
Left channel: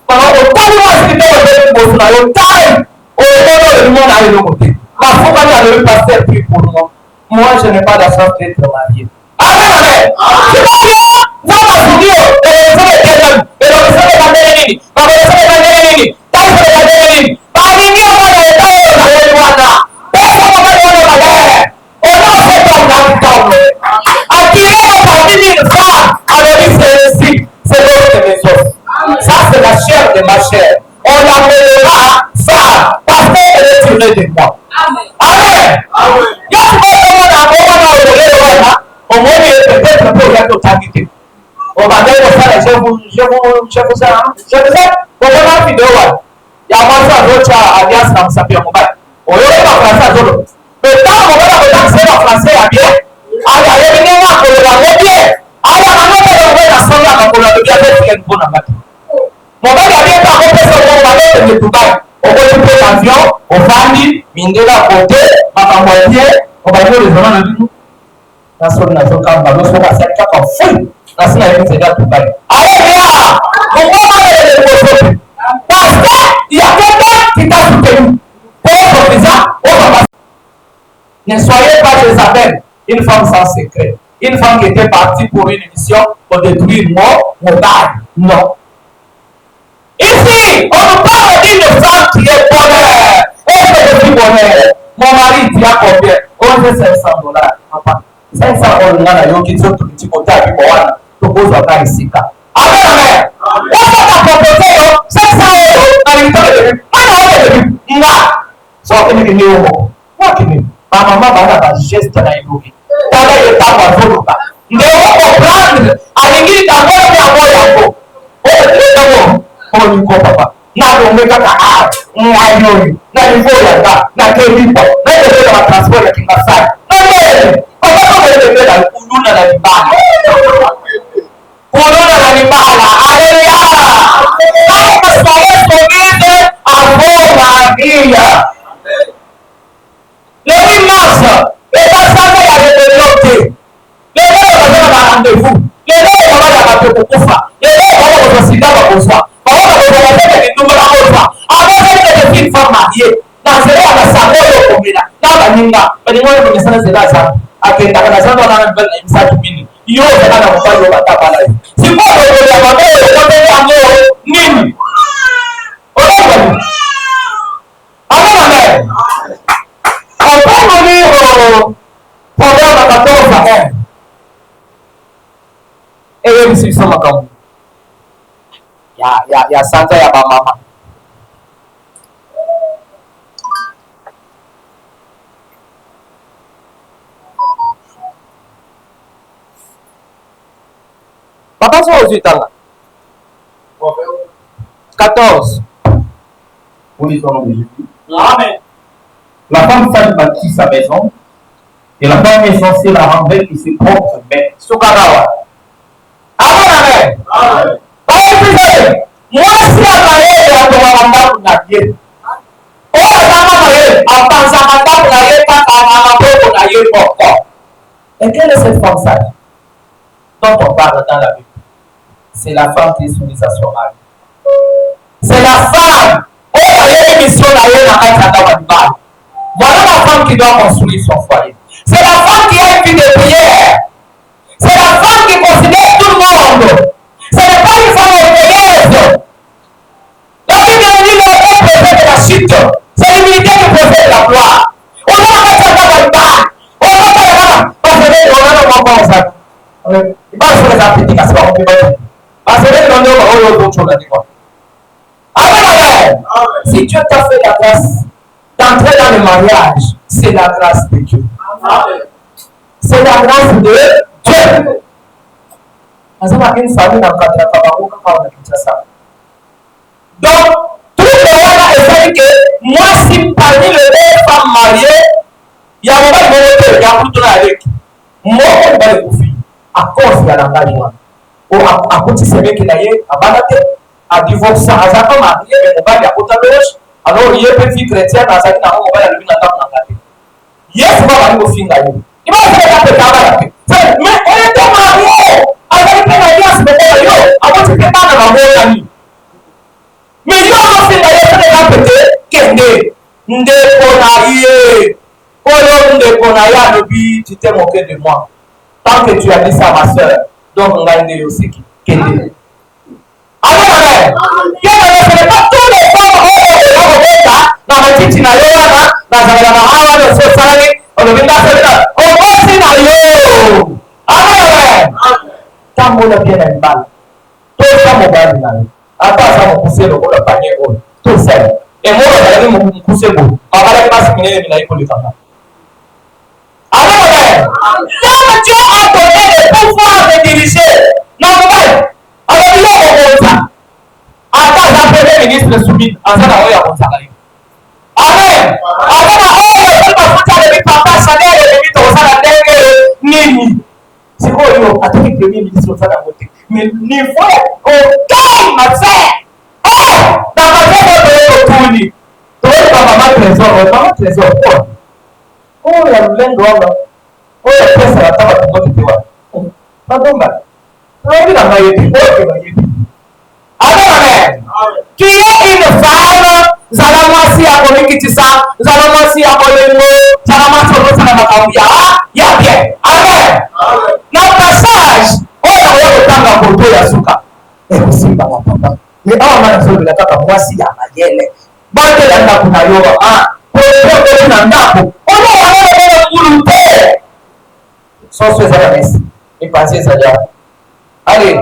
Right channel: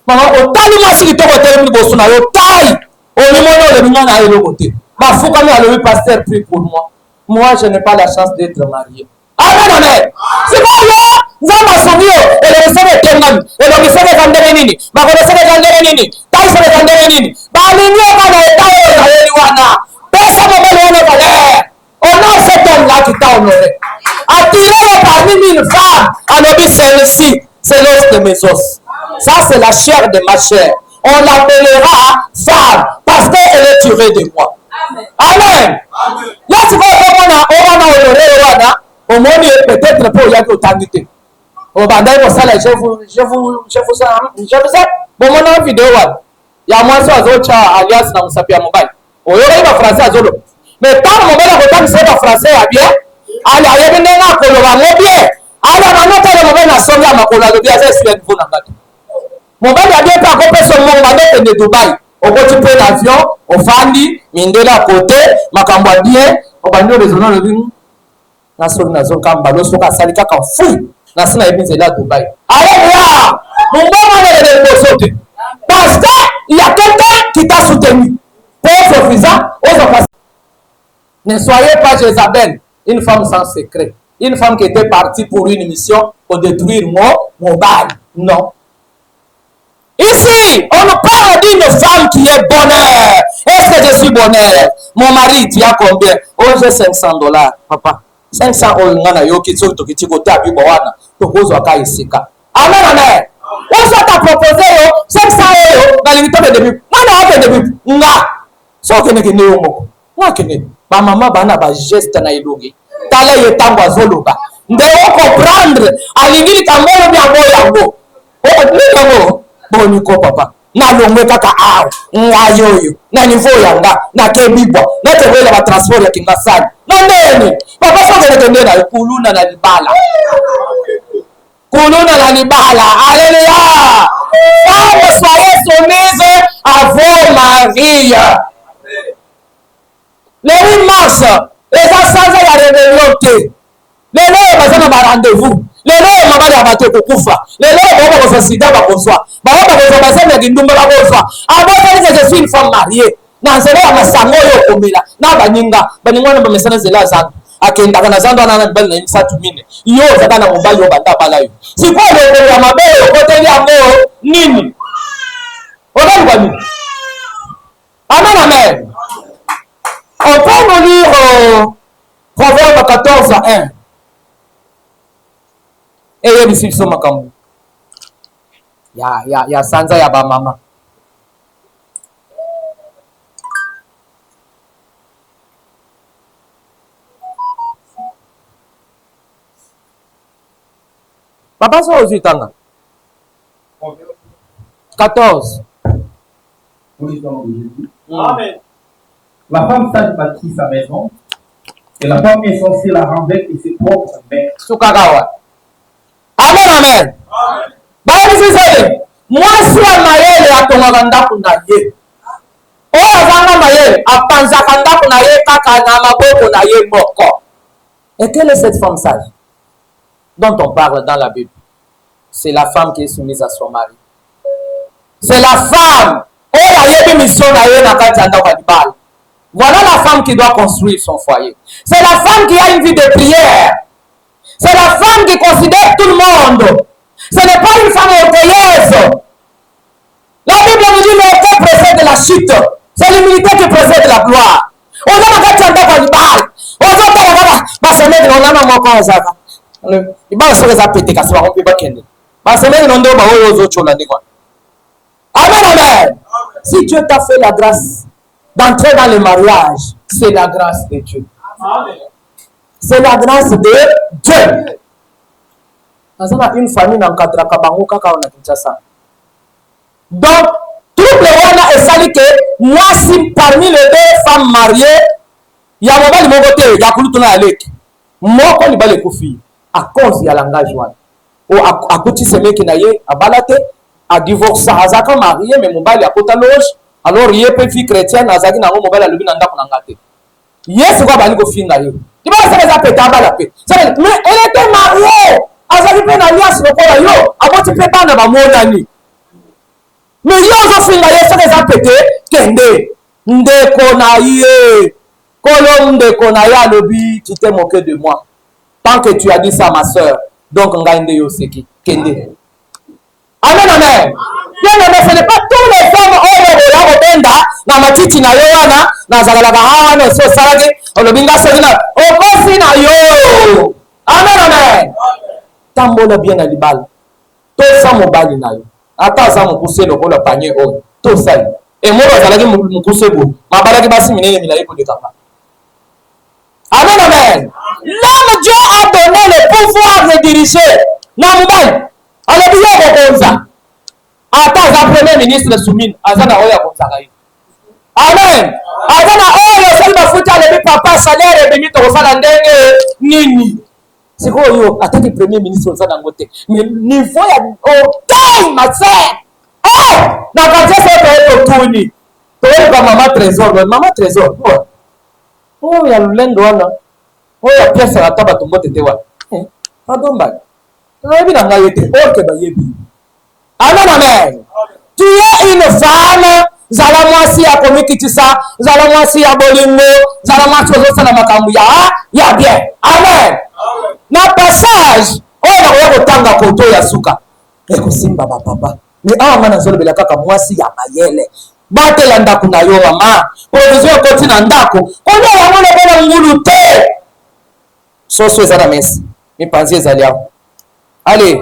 Mama otali mwasi kitoko tena ni bosuna yo tai. Olimono le mona ayo lokote. Bafuka ni alo pasteur prie pour moi. Moi je n'ai pas la chance d'être marié. Amen, amen. C'est bon, yo. Zama sudio. Eleseme tengan. Eleseme kandene nini. Bakoleseme kandene nini. Taiseme kandene nini. Balingia mana etayo na leli wana. Pesa mbali wane bale. Ono se tonga kitao. Attiré parmi une femme. Alors dit celle-ci, c'est l'os de mes os. Ça c'est la chair de ma chair. On l'appellera femme parce qu'elle est tirée de moi. Amen. Amen. Là tu vois comment on a au moins peut-être pour la totalité. Au badin de ça, je vous ça. Bon, on a vidéo. Il y a moi ça, d'autres alias dans sa pierre mobile. On est en français à Zolo. Mais tant qu'on va la c'est en français à bien. Allez, allez, venez voir pour le voir bien. Allez, maintenant, pour le moment, la somme là, pour la bien, c'est une bonne attaque. Mon gars, il y a bien pas compris sur mon balai de Dubaï. On peut prendre l'avion, on famille, mine de la côté, ma campagne, on va dire les gens de nous. Naso kamba doso ka salika ka fui na sina hivi zeda Dubaï. Alléluia. Mon maman est de Bosote. Parce que il y a quelqu'un qui t'a soutenu. Pour son visa, on va passer. Ne soyez pas Jézabel. Une femme sans secret. Une femme qui était partie pour une mission pour détruire mon mari. Non. Ici, on nous parle d'une femme qui est bonheur. Est-ce que je suis bonheur? Mon mari, tu as combien? Oh, j'ai $500, papa. 500 $, yoki tsoto kichikota kiboana. Tokozo akaisika. Amen, amen. On s'est proposé 500 €. Dans les temps de début. Maintenant, on est début. Nga. Sauf que nous sommes. Moi, qui n'est. Ma maman va avoir un geste dans l'île. Tala yetamba zoluka. Ndeo comprendre. Alingiri kangolo ya moyo. Oh, ndeo. Bon, ko papa. Na longwe kaka a. Ngayoyo. Na niveau ya nga. Na kemibwa. Na tebela ba transport ya kingasani. Na nene. Papa so ngale tendela kuluna na libala. Kuluna na libala. Alléluia. Quand soyez soumise à vos maris. Le 8 mars, les enfants y a développé. Les gens ont un rendez-vous. Les gens ont un kufa. Les gens ont un sida à bonsoir. Bah, on a besoin de nous avant que je suis une femme mariée. Na zele ya sango yo komela. Na baninga ngo mesana zela za. Akenda kana zando na bel na imsatu mini. Yo zaka na mbango batabala yo. Siko lo ya mabeo kote ya ngo nini? Ola amen amen. On peut lire Proverbe 14:1. Et même si nous sommes ya sanza ya ba mama. Papa so aux utanga. 14. Pour les hommes de Jésus. Amen. La femme sage bâtit sa maison, et la femme insensée la renverse et ses propres maîtres. Sukagawa. Amen, amen. Amen. Bali sisi, mwasi ya mayele atoka ndaku na ye. Oya kama mayele, apanza ndaku na ye kaka na maboko na ye boko. Et quelle est cette femme sage dont on parle dans la Bible? C'est la femme qui est soumise à son mari. C'est la femme. Oya yeke mission na ye na kati ya ndaba. Voilà la femme qui doit construire son foyer. C'est la femme qui a une vie de prière. C'est la femme qui considère tout le monde. Ce n'est pas une femme orgueilleuse. La Bible nous dit l'orgueil précède de la chute. C'est l'humilité qui précède de la gloire. On a la tête de parle. On a Amen. Si Dieu t'a fait la grâce d'entrer dans le mariage, c'est la grâce de Dieu. C'est la grâce de Dieu. Une famille dans donc, tout le monde a essayé que moi, si parmi les deux femmes mariées, il y a un moment où il y a un peu avec moi, on va les confier à cause de l'engagement. Ou à côté de ce mec qui n'a pas balaté, à divorcer, à sa marié, mais mon bal est à côté de l'autre. Alors, il y a une fille chrétienne, à sa qui n'a pas mon bal à lui dans la tête. Yes, on va aller au film d'ailleurs. Il va se faire la paix. Mais elle était mariée. Elle a fait l'alliance, mais elle a eu. Avant, tu ne peux pas dans la mort. Mais il y a un film d'ailleurs, c'est déjà pété. Kende. Ndekonaye. Colombe de Konaya Lobi, tu t'es moqué de moi. Tant que tu as dit ça à ma soeur, donc on gagne de Yoseki. Kende. Amen, amen. Bien, ce n'est pas tous les femmes qui ont été na matiti na yoana, na zagara na hawa, na so salade, on le binda selina. On passe na yo. Amen, amen. Tant qu'on a bien à l'ibal. Tout ça, mon bal na yo. Attends, ça, mon poussé, le bol, le panier, tout ça. Et moi, je vais mon poussé, ma balade basse, minée, minée, pour le tabac. Amen, amen. L'homme Dieu a donné le pouvoir de diriger. Non, vous alors, il y a un bon attends, un premier ministre soumis. Amen. Amen. Papa, salaire, et au salaire, nini. C'est quoi, yo? Attends, le premier ministre au salaire, mais niveau, ok, ma sœur. Oh, dans ma tête, c'est pour tout. Tu vois, maman trésor. Oh, il y a le lingo là. Oh, il y a presque la table à tout le monde était là. Pardon, mal. Amen, amen. Tu es une femme, Zalamasi a commis qui ça, Zalamasi a bolingo, Zalamasi a bolingo, ya bien. Amen. Na passage, oyo nakoya kotanga poto ya suka. Ekosimba papa. Mais awa mana zolobela kaka mwasi ya mayele. Batela ndako na yo mama. Position koti na ndako. Kono wana na ngulu te. Soso ezala mesi. Mipanzi ezali awa. Allez,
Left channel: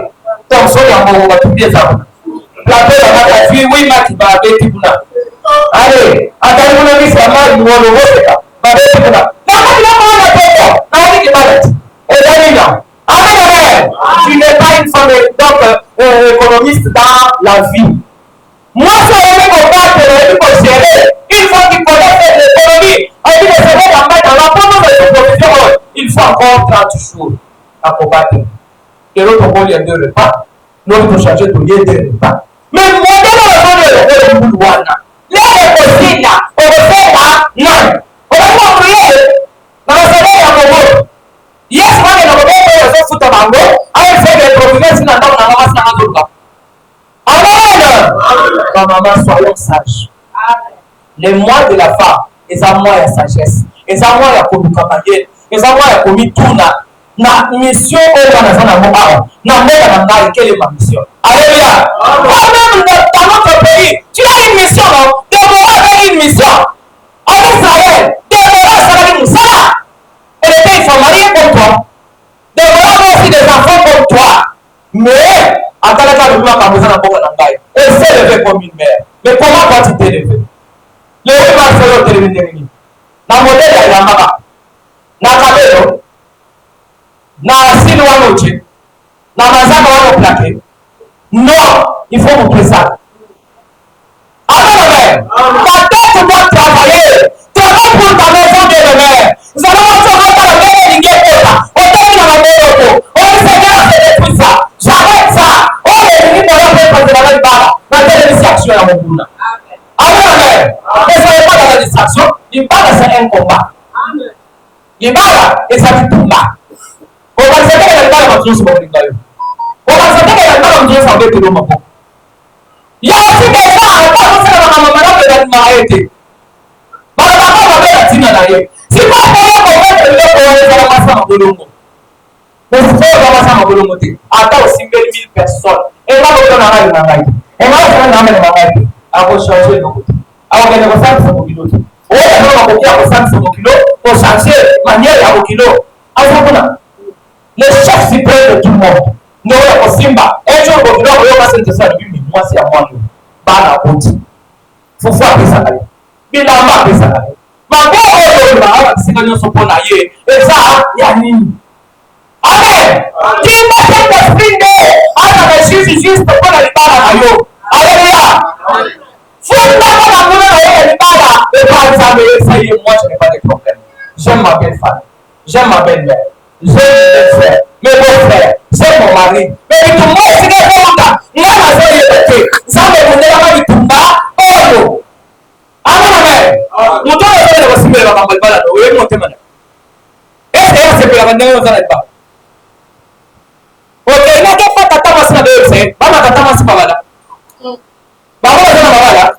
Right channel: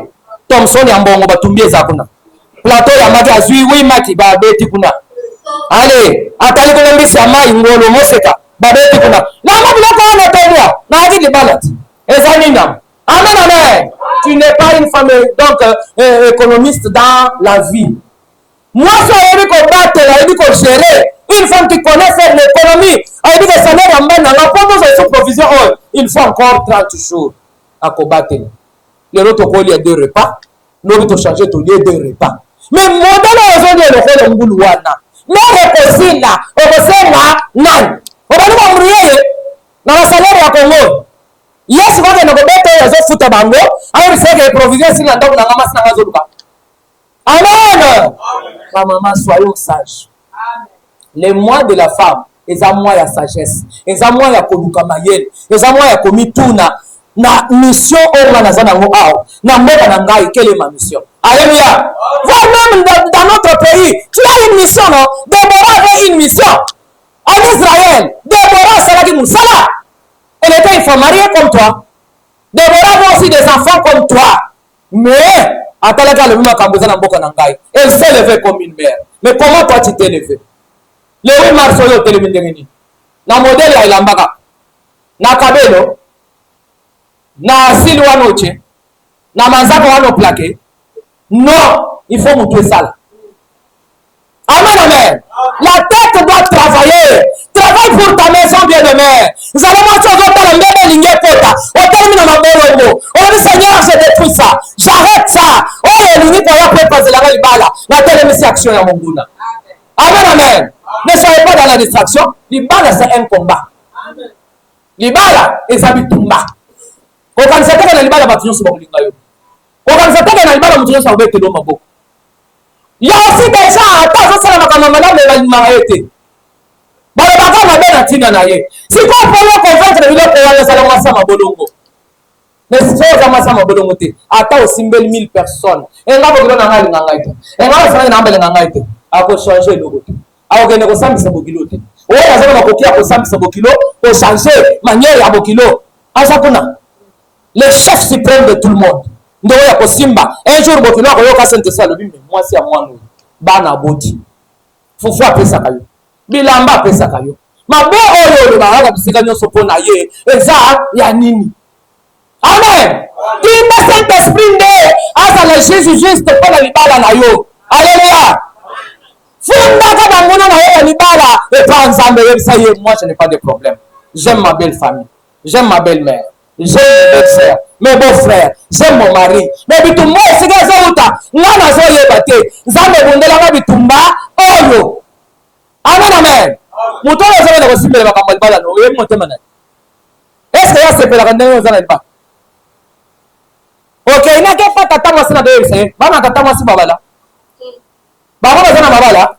donc soli ya mbongo batumbie eza kuna. Plateau ya mati azwi wi mati babeti kuna. Allez, atali kuna misa mai ngolo moseka babeti kuna. Na mwana kwa na tonya. Na hadi balati. Ezali na. Amen, amen. Tu n'es pas une femme donc économiste dans la vie. Moi, ça veut dire gérer. Une femme qui connaît faire l'économie, elle dit que ça n'est pas mal. La pauvre, c'est une provision. Il faut encore 30 jours à combattre. Les autres ont lieu de repas. L'autre ont changé ton lieu de repas. Mais mon dans la zone de l'Oulouana, là, on là, on fait là, non. On va nous embrouiller dans la salle de la yes, moi, je ne peux pas faire foot à bango. On sait que les provisions, si on a maman, c'est un autre. Amen. Ma maman, soyons sages. Les mois de la femme, les amours et la sagesse, les amours et la kodukamayel, les amours et la komituna, na mission au manazana moa, na mbeka na ngai, quelle est ma mission? Alléluia. Toi-même dans notre pays, tu as une mission, non? Déborah avait une mission. En Israël, Déborah, ça va dire Moussala. Elle était une femme mariée comme toi. Déborah avait aussi des enfants comme toi. Mais, elle s'est levée comme une mère. Mais comment toi tu t'es levé? Le 8 mars, on est télévision. La modèle, elle a marre. Na kabelo. Na asile wanoche. Na manzaka wano plaqué. Non, il faut montrer ça. Amen, amen. La tête doit travailler. Travaille pour ta maison, bien-aimée. Nous allons voir dans la même ligne. On termine ma belle. Oh Seigneur, je détruis ça. J'arrête ça. Oh, il est pour la passer la même balle. La télévision action à mon bout. Amen, amen. Ne soyez pas dans la distraction. L'ibala, c'est un combat. L'ibala, et ça dit tout bas. On va se faire que l'ibala va toujours se faire. On va se faire que l'ibala va toujours se faire. Il y a aussi des gens, attends, ça va comme un marié. Bon, on va faire la tina là. Si pas pour le comprendre, je vais faire ça dans ma bolongo. Mais si vous avez ça ma bolongo, attends aussi 1000 personnes. Et là, vous allez en aller. Et là, vous allez en aller. À vous changer le côté. À vous gagner 500 kilos. Oh, on va côté à 500 kilos pour changer manière à kilo. À ça qu'on a. Le chef suprême de tout le monde. Nous avons Simba. Un jour, vous allez avoir cette salle. Moi, c'est à moi. Bana bouti. Faut faire ça. Bilamba après ça. Ma belle, on va se gagner son bon aïe. Et ça, il y a nini. Amen. Qui met cet esprit de. Ah, la Jésus juste pour la libala na yo. Alléluia. Et toi, ensemble, ça y est, moi, je n'ai pas de problème. J'aime ma belle famille. J'aime ma belle-mère. J'aime mes belles-sœurs, mes beaux-frères. J'aime mon mari. Mais du tout, moi, c'est que je vous moi, je suis battu. Zambe bondela ba bitumba oyo. Amen. Muto na zama na basimbe ba kambal bala no. Wewe monte mana. Est-ce que c'est pour la ndenge ozana pas? OK, na ke pa tata masina de yose. Bana tata masiba bala. Bana zana bala.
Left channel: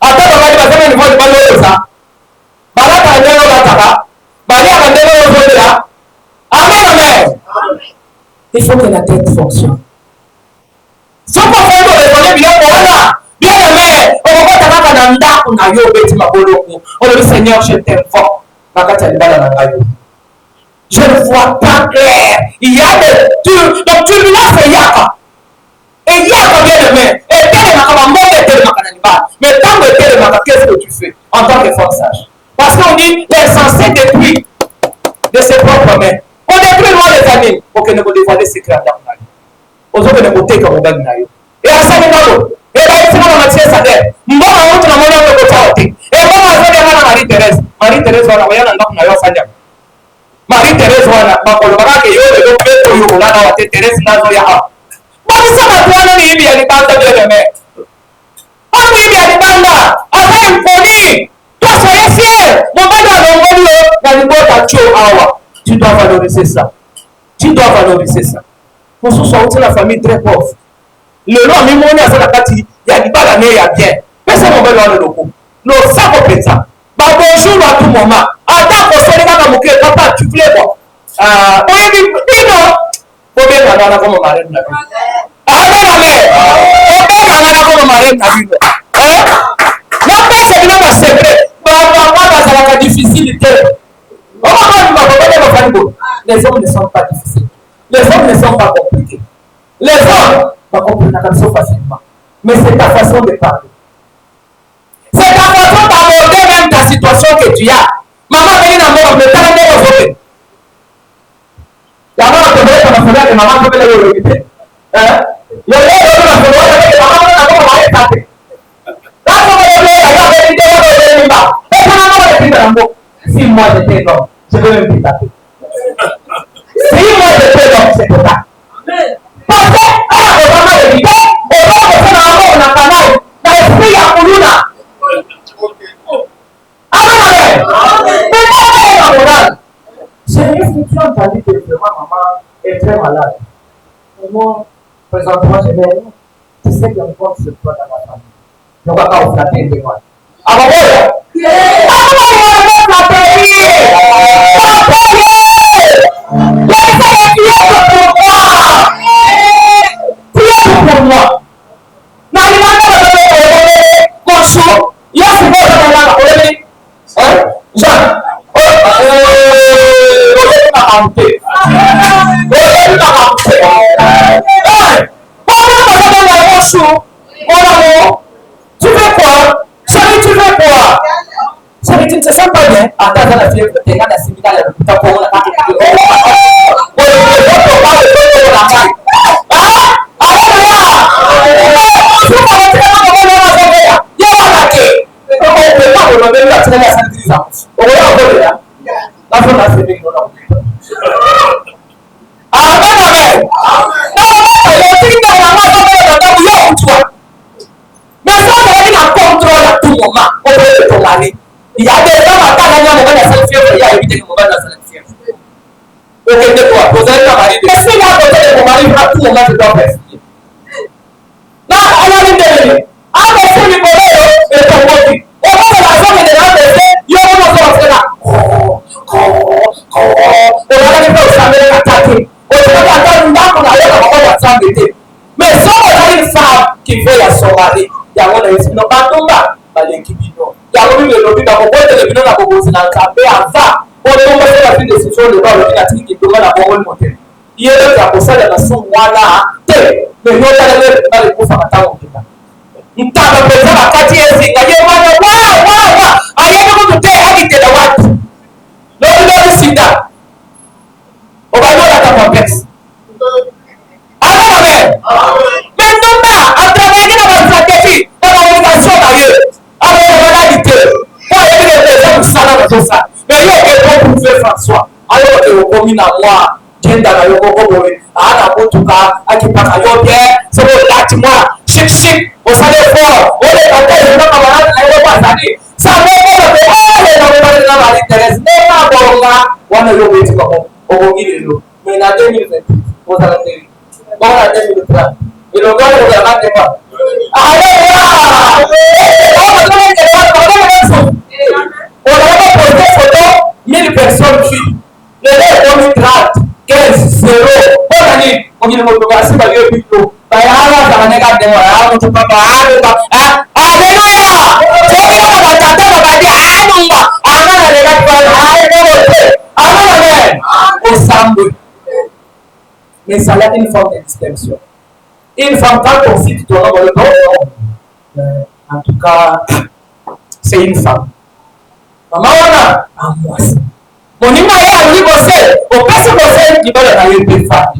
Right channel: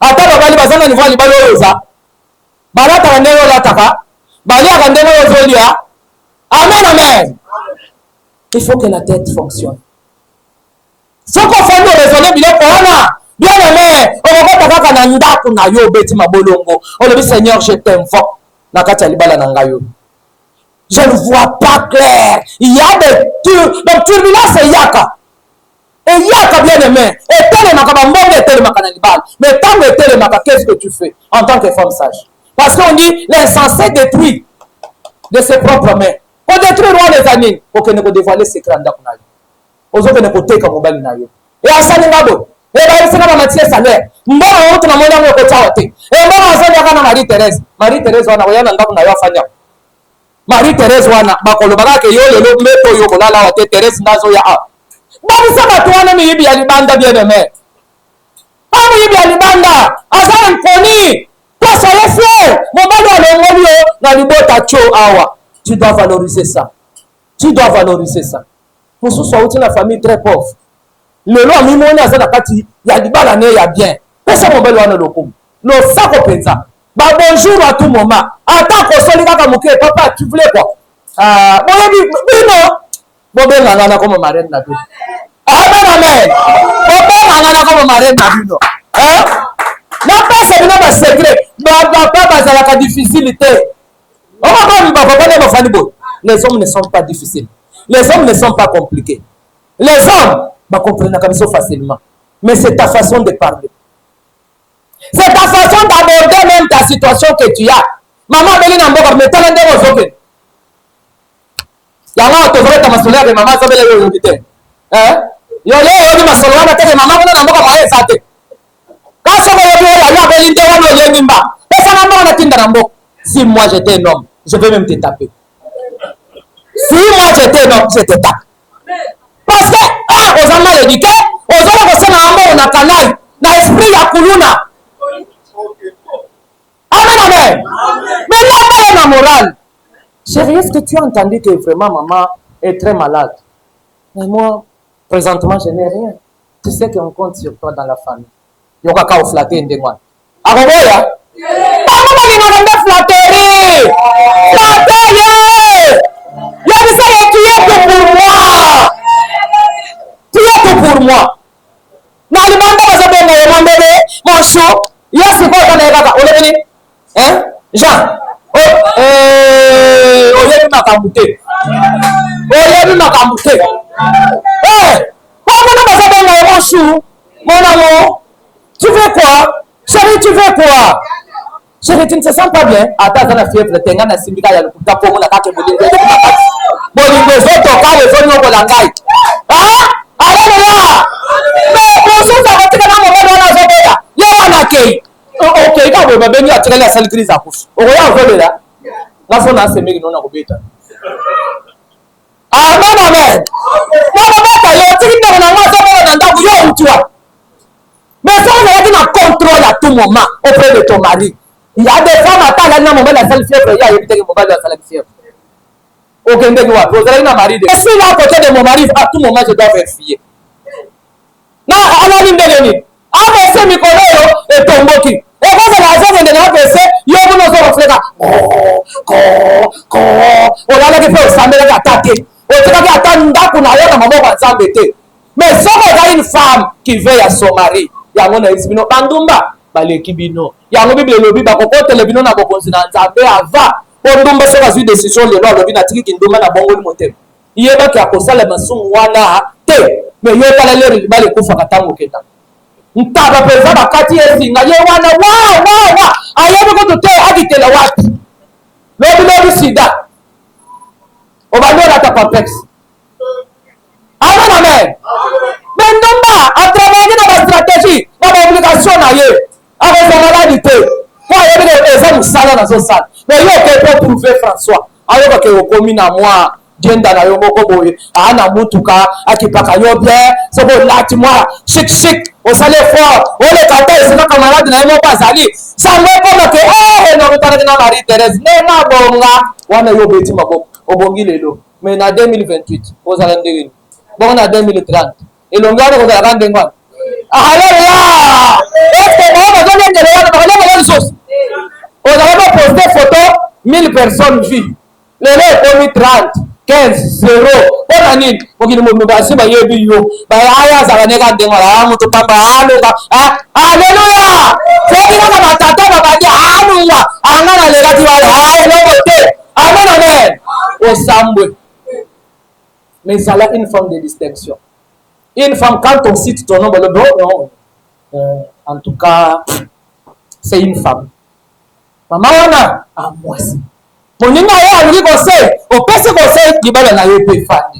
Ata babali bazana ni vole bala yosa. Bana ta ndenge bataka. Bali ya ndenge yozolia. Amen, amen. Il faut que la tête fonctionne. Ce qu'on fait nous raisonner bien voilà. Bien aimé, on va pas taka na ndako na yo beti mabolongo. On dit Seigneur, je t'aime fort. Na kati libala na ngayo. Je ne vois pas clair. Il y a des turbulences et yaka. Et yaka bien aimé. Et tel ma kabambo tel ma kanalibal. Mais tant que tel ma qu'est-ce que tu fais en tant que femme sage? Parce qu'on dit l'insensé détruit de ses propres mains. On détruit loin les amis pour que nous dévoiler ses crânes d'Aknaï. On se fait des côtés comme on naïo. Et à ça, nous et là, il s'est dans la tienne salaire. Nous avons honte dans le côté. Et moi, on s'est dit à Marie-Thérèse. Marie-Thérèse, on a rien dans la Fania. Marie-Thérèse, on a pas le barak et yo, le métro, yo, là, Thérèse, Nazoya. Bon, ça va prendre une idée à l'Ibanda bien aimé. Pas une idée à l'Ibanda. À ça, il poni. Toi, soyez fiers. Mon bain dans le monde, tu dois valoriser ça. Tu dois valoriser ça. Pour ce soit une famille très pauvre. Le nom même on a ça la partie, il y a du balané, il y a bien. Personne ne va voir le loco. Non, ça pour ça. Bah bonjour à tout moment. Attends pour ça les gars comme papa, tu voulais quoi? Bobengana comme marraine na bino. Amen, amen. Bobengana comme marraine na bino. Na pesa bino ba secret. Papa bazalaka difficulté. Les hommes ne sont pas difficiles. Les hommes ne sont pas compliqués. Les hommes comprennent la chose facilement. Mais c'est ta façon de parler. C'est ta façon d'aborder même ta situation que tu as. Maman, venez dans mon mais t'as l'endroit où vous Yama otobole ta masola de maman ko bele wo kite. Yo le masola de maman ko na mo ba ya sate. Ka so ba yo ya beli de wono le nimba. Et ça maman la tinda rambo. Si moi j'étais un homme, je vais même te taper. Si moi j'étais un homme, je te tape. Parce que aux hommes de l'éduqué, aux hommes qui sont dans la canal, dans l'esprit ya kuluna. Amen. Mais là pas une morale. Chérie, est-ce que tu as entendu que vraiment maman est très malade? Mais moi, présentement, je n'ai rien. Tu sais qu'on compte sur toi dans la famille. Il y a qu'à flatter des mois. Ah bon, voilà? Maman, il va me flatter! Flatter! Il y a des gens qui est pour moi! Tu es pour moi! Non, il m'a demandé mon chou. Il y a ce qu'on a là-bas. Hein? Jean. Mon amour, tu fais quoi? Chérie, tu fais quoi? Chérie, tu ne te sens pas bien? Attends, la fièvre, tu es dans la syndicat, il y a le tapon, on a pas de bon, il faut pas le faire au langage. Allez là! Mais bonjour, on va te dire comment on va faire là. Il y a un accueil. Ok, quand on va venir à tirer la salle grise à couche. On va voir là. Là, on a semé, on a oublié. Amen, amen. Non, il y a aussi une maman qui toi. Mais ça, on a dit un contrôle à tout moment auprès de ton mari. Il y a des femmes à temps, il y a un moment de la salle fièvre, il y a évité le moment de la salle fièvre. Aucun de nous, vous avez un mari. Est-ce qu'il va à côté de mon mari, à tout moment, je dois vérifier? Non, on a dit de lui. Ah, mais c'est Nicolas, et ton motif. Et moi, c'est la raison que les gens me disent, il y a un moment où on fait là. On a dit que ça me l'a attaqué. On a dit attends, on a dit que maman va s'embêter. Mais si on a une femme qui veille à son mari, il y a un espino bandumba, balekibino. Il y a un bibi lobi ba ko telebino na ko na kabe ava. Bandumba c'est la décision de l'ordre de la trique qui demande à bon motel. Il y a d'autres pour ça les maçons wana te. Mais yo ta le ba le ko fakata ko keta. Ntaba pesa bakati ezinga ye wana wa. Ayebe ko te agite na watu. Lobi na sida. Obanyola ta complexe. Amen. Mais non pas, à travers la stratégie, la communication d'ailleurs, avec la banalité. Moi, il y a des personnes qui sont dans ça. Mais il y a quelqu'un pour faire François. Alors que vous communez à moi, genda la yoko boy, ana mutuka, akipaka yo bien, c'est bon là tu moi, chic, on s'en est fort, on est tenté, c'est pas camarade na yo pas sali. Ça me fait que oh, on va parler de la Marie Thérèse, n'est pas bon là, on a yo beti pas bon, au bon gilelo. Mais en 2028, on s'en est bon en 2030. Et l'on doit le regarder des mois. Allez là! C'est bon, on doit mettre des choses. On doit poster photo, 1000 personnes filles. Les gens 30, 15, 0. On a dit, on dit, on va se faire des vidéos. Bah, ça va négater des mois. Ah, mon papa, alléluia! C'est qui va t'attendre, on va dire, alléluia! Amen, alléluia! Amen, au Sambou. Mais ça a une forme de distinction. Une femme, quand on cite ton nom, le bon nom, en tout cas, c'est une femme. Maman, on a moi. Mon niveau est à l'université. Au passé, il va y avoir une femme.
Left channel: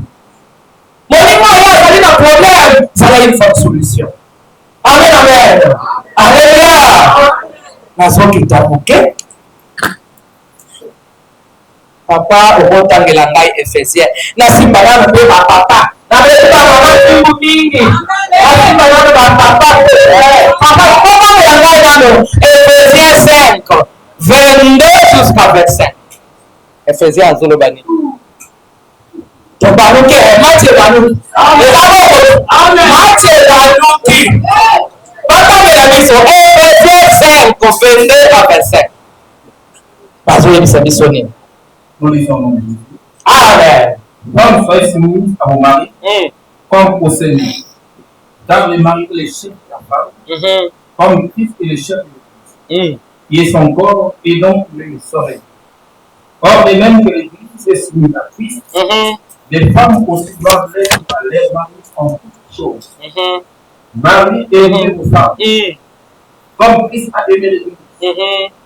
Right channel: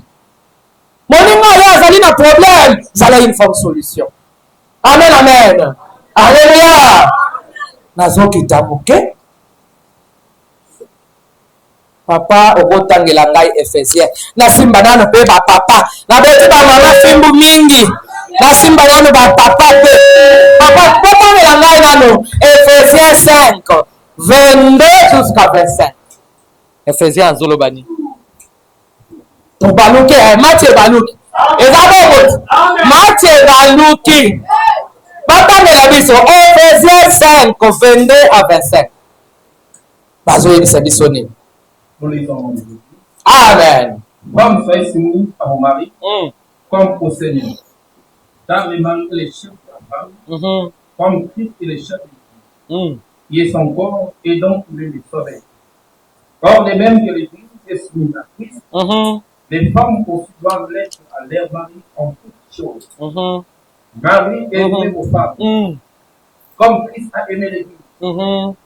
Mon niveau est à un problème. Ça a une forme de solution. Amen, amen. Alléluia. Nation qui t'a bouqué. Papa okotangela ngai Efésien nasimba nano pe ba papa na bete ba mama fimbu mingi nasimba nano ba papa te papa okotangela ngai nano Efésien 5 22 jusqu'à 25 Efésien azolobani to baluki Matthieu baluki Matthieu baluki batangela biso Efésien 5 22 à 25 bazoyebisa biso nini. Nous lisons dans Jésus. Amen. Femmes, soyez soumises à vos maris comme au Seigneur. Car le mari est le chef de la femme, comme Christ est le chef de l'Église. Il est son corps et donc il est le soleil. Or, de même que l'Église est soumise à Christ, les femmes aussi doivent l'être à leur mari en toutes choses. Marie aimez vos femmes, comme Christ a aimé l'Église.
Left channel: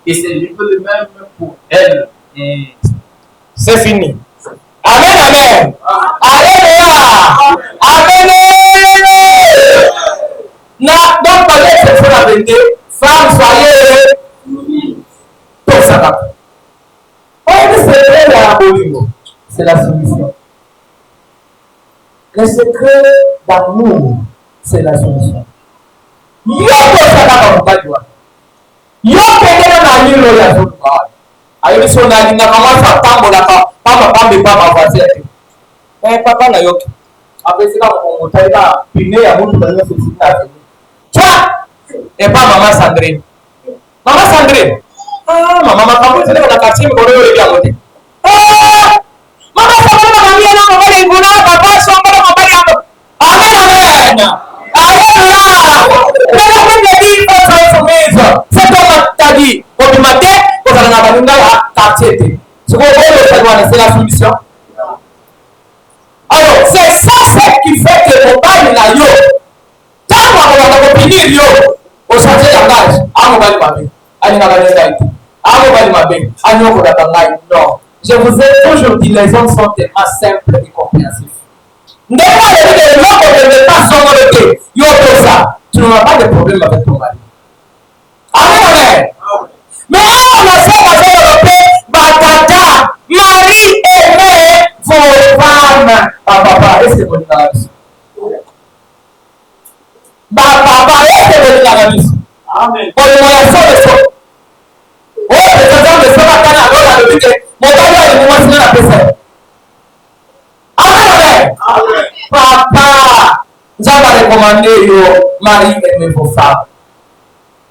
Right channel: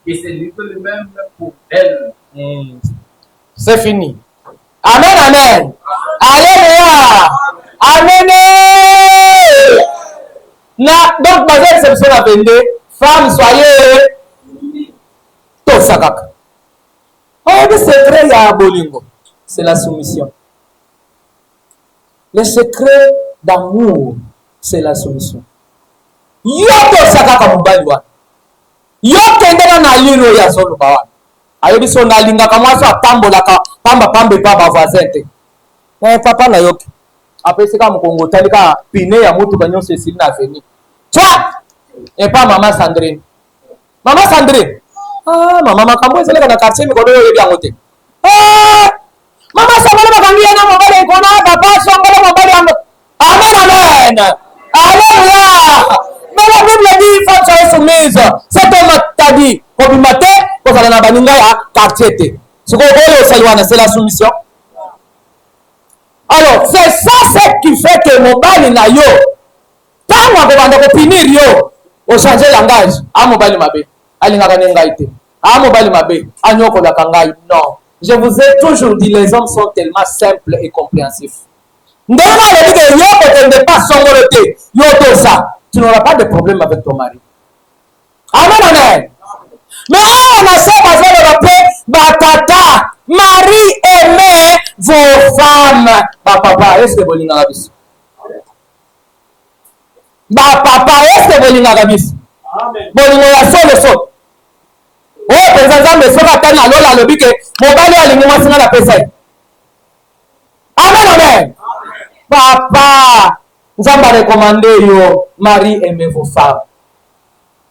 Et c'est lui que le même pour elle. C'est fini. Amen, amen. Alléluia. Amen. Donc, malgré cette fois à 22, femmes, soyez tous ça. Le secret à Bolingo, c'est la soumission. Le secret d'amour, c'est la soumission. Yo tosaka mubaliwa. Yo kendela na lilo ya zolo bawa. Ayo biso na linga kama sa tambola ka pamba pa voisin. Papa na yoki. Après c'est comme Congo taliba pine ya mutu banyo se sina veni. Twa! Et pas maman Sandrine. Maman Sandrine. Ah, maman kamwe zele na quartier mi kono yo ya mote. Ah! Maman Sandrine makamia na mabali ngona papa so ngona mabali ando. Amen. Alléluia. La Bible dit faut soyez soumise. C'est comme t'as dit au matin pour faire na balinga ya quartier. Ce qu'on veut seulement c'est la soumission. Alors, c'est ça ce qui fait que mon bali na yo. Tant on va finir yo, au changer langage, à mon bali mabé. Ali na balinga ito. À mon bali mabé. Anyoko da kangai. Non. Je vous ai toujours dit les hommes sont tellement simples et compréhensifs. Tu n'auras pas de problème avec ton mari. Amen. Mais on a ça parce que Batata, Marie aimait vos femmes. Papa, est-ce que vous avez vu? Papa, est-ce que vous avez vu? Amen. Bon, il y a ça, le son. Oh, président, le son va tenir à l'eau, le but que mon gars, il y a le moment où la personne. Amen. Papa, nous avons recommandé yo mari aimez vos femmes.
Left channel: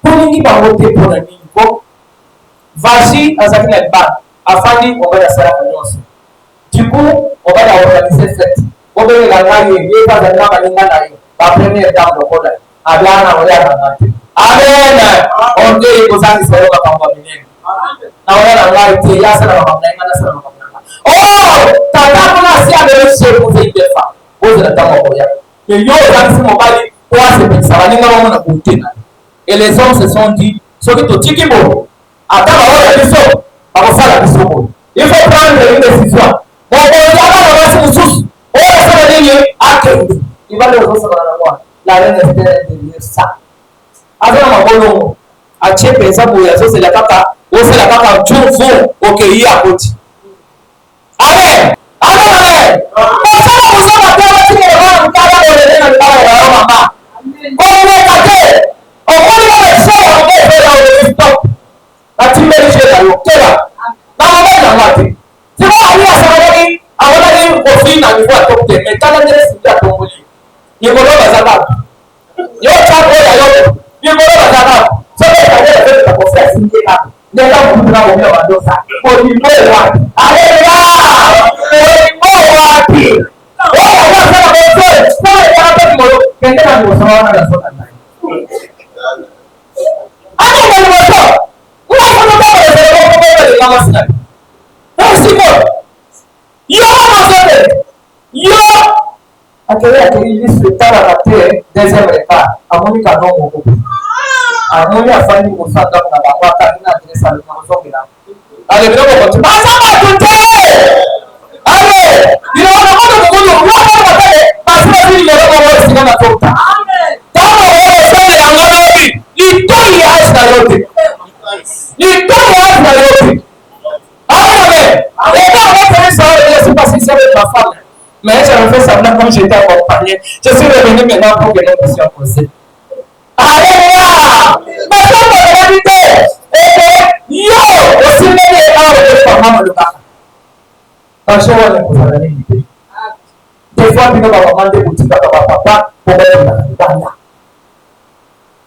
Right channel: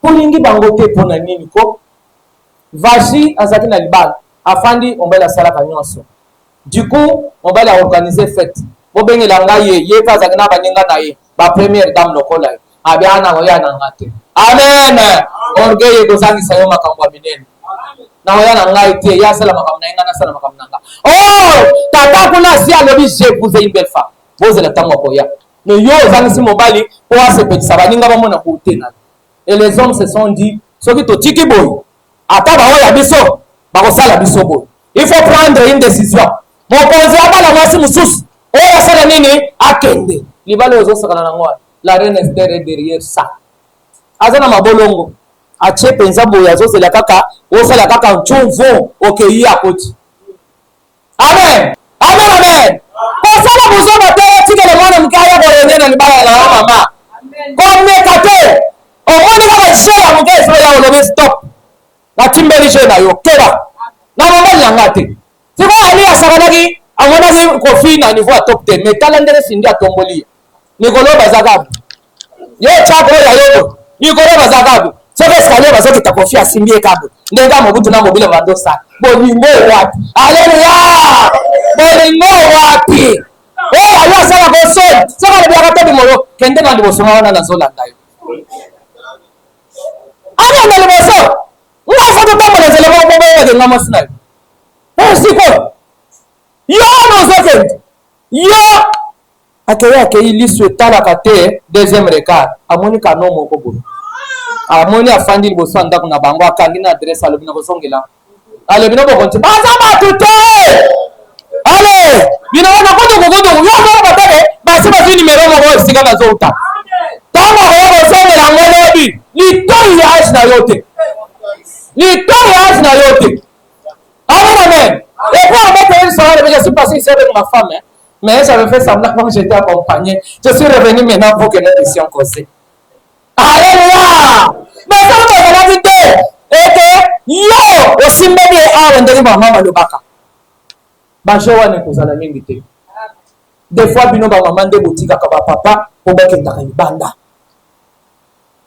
Pour nous qui va voter pour la nini ko, Vaji azaki na libala, afandi on va la sala kanyonso. Du coup, on va la organiser fête. Bo bele la ngai ye ka zakina baninga na ye, ba première dame lokola. Abiana oya na ngate. Amen. On geye ko saki sayo makambo minene. Na oya na ngai te ya sala makambo na sala makambo na. Oh, tata kuna si amebi je pour faire une belle femme. Vous êtes dans mon mais yo si mon bali pour se petit ça va ninga mon côté na. Et les hommes se sont dit ce qui to tiki bon. Ata ba oya biso, ba ko sala biso bon. Il faut prendre une décision. Mon conjoint va la masi mususu. Oya sala nini akende. Libale ozo sala na moi. La reine Esther est derrière ça. Azana mabolongo. Ache pensa boya zo c'est la kaka, o c'est la kaka chonvo okeyi akoti. Amen. Amen, amen. Osana kusoma tena chini ya mwana mkaya kwa nena mbaya ya mama. Amen kate. Omoni kama share mkaya kwa ya ole stop. Na timbele share yo kera. Na mama ya ngate. Sema hadi asabani awona ni kofina ni kwa top 10. Metala ndele sindia tomboli. Nikolo bazagabu. Yo chapo ya yote. Nikolo bazagabu. Sasa sikanye bazote takofia simbie kabo. Ndenga mbutu na mbila madosa. Boni mo wapi. Haleluya. Boni mo wapi. Oya yo sana boso. Sasa ndio hapa ni moyo. Kende na boso wana na zola ndayo. Ana ndio boso. Uwa sana baba na zele baba ndio ngama sina. Siko. Yo no sasa. Yo akaya ili swetara kate deuxième regard. Amonika no moko. Amoni afandi boso ndako na bango akangi na adresse alo bina kosongela. Ale bina ko konti. Basa batute. Ale bina ko kodo yo ko batale. Basa ba numéro mo singa na zota. Amen. Tama ko songela ngalo bi. Ni to ya na yote. Ni to ya na yote. Amen. Et quand on est ça, je suis passé ici avec ma femme. Mais j'avais fait semblant comme j'étais accompagné. Je suis revenu maintenant pour que nous puissions causer. Alléluia! Mais ça, c'est la vérité. Et que, yo, aussi même en rendez-vous dans maman de Baka. Banché, on est pour la limiter. Des fois, nous avons demandé boutique à papa pour mettre dans une bande.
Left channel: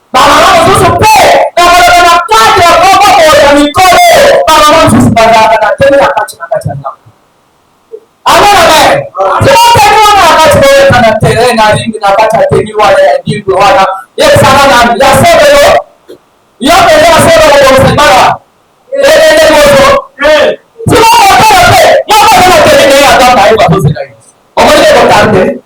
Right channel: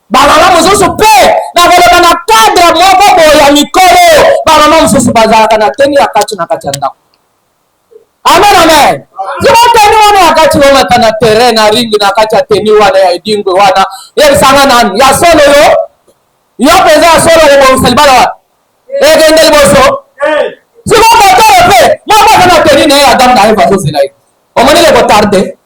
Maman, nous sommes prêts. Nous avons un cadre, nous avons un micro. Maman, nous sommes pas là. Nous avons un cadre. Amen, amen. Tunateni wana wakati wale kana terrain na ringi na wakati ateni wana ya dingo wana. Yeye sana na ya solo yo. Yo pesa solo le kwa sibara. Ndio boso. Sio kwa pe. Mama kana teni na ya danda hivi sasa sina hivi. Omoni le kwa tarde.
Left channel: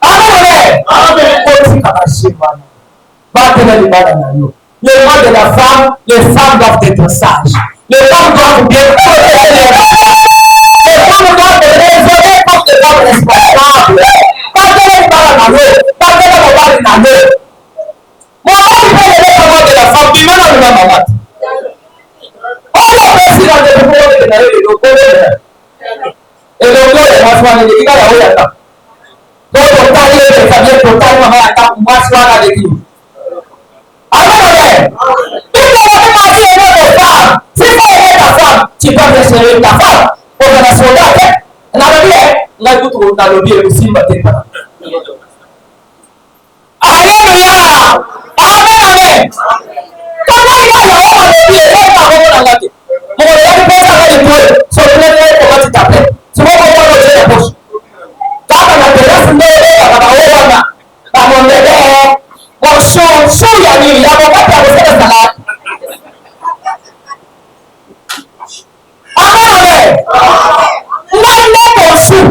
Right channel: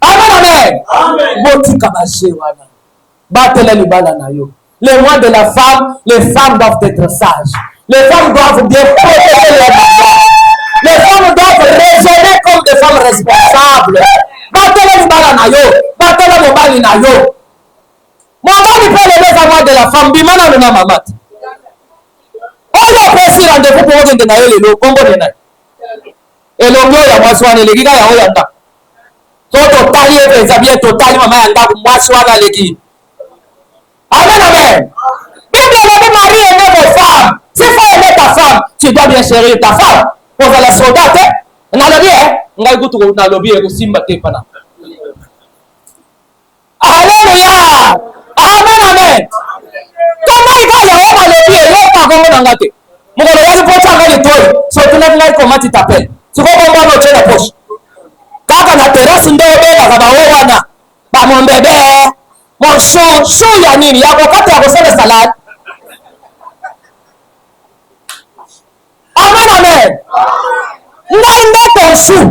Amen. Amen. Bon kakashi wana. Batela ni bala na yo. Les mois de la femme, les femmes doivent être sages. Les femmes doivent bien protéger les enfants. Les femmes doivent raisonner comme des femmes responsables. Batela ni bala na yo. Batela mobali na yo. Mobali peut lever la main de la femme. Bimana luna mamat. On a pris rendez-vous pour vous donner le Congo de l'air. Et le mot est pas soin de l'église. Il y a un total, les habits total, maman, il y a moi soin de l'église. Amen, amen. Bible dit Marie aimait vos femmes. Si tu aimes ta femme, tu dois bien chérir ta femme. Pour que la soldate, on a le bien. On a le bien, le simba te pana. Alléluia. Amen, amen. Comment il va y avoir le bien? Il va y avoir le bien. Mon gars, il faut faire le tour. Sur le net, comment tu t'appelles? Tu vas comprendre le bien la poche. Quand on a terrasse, il va y avoir mon bébé. Mon chou ya nini ya wakati ya kusema salad. Amen, amen. Ngande ton chou.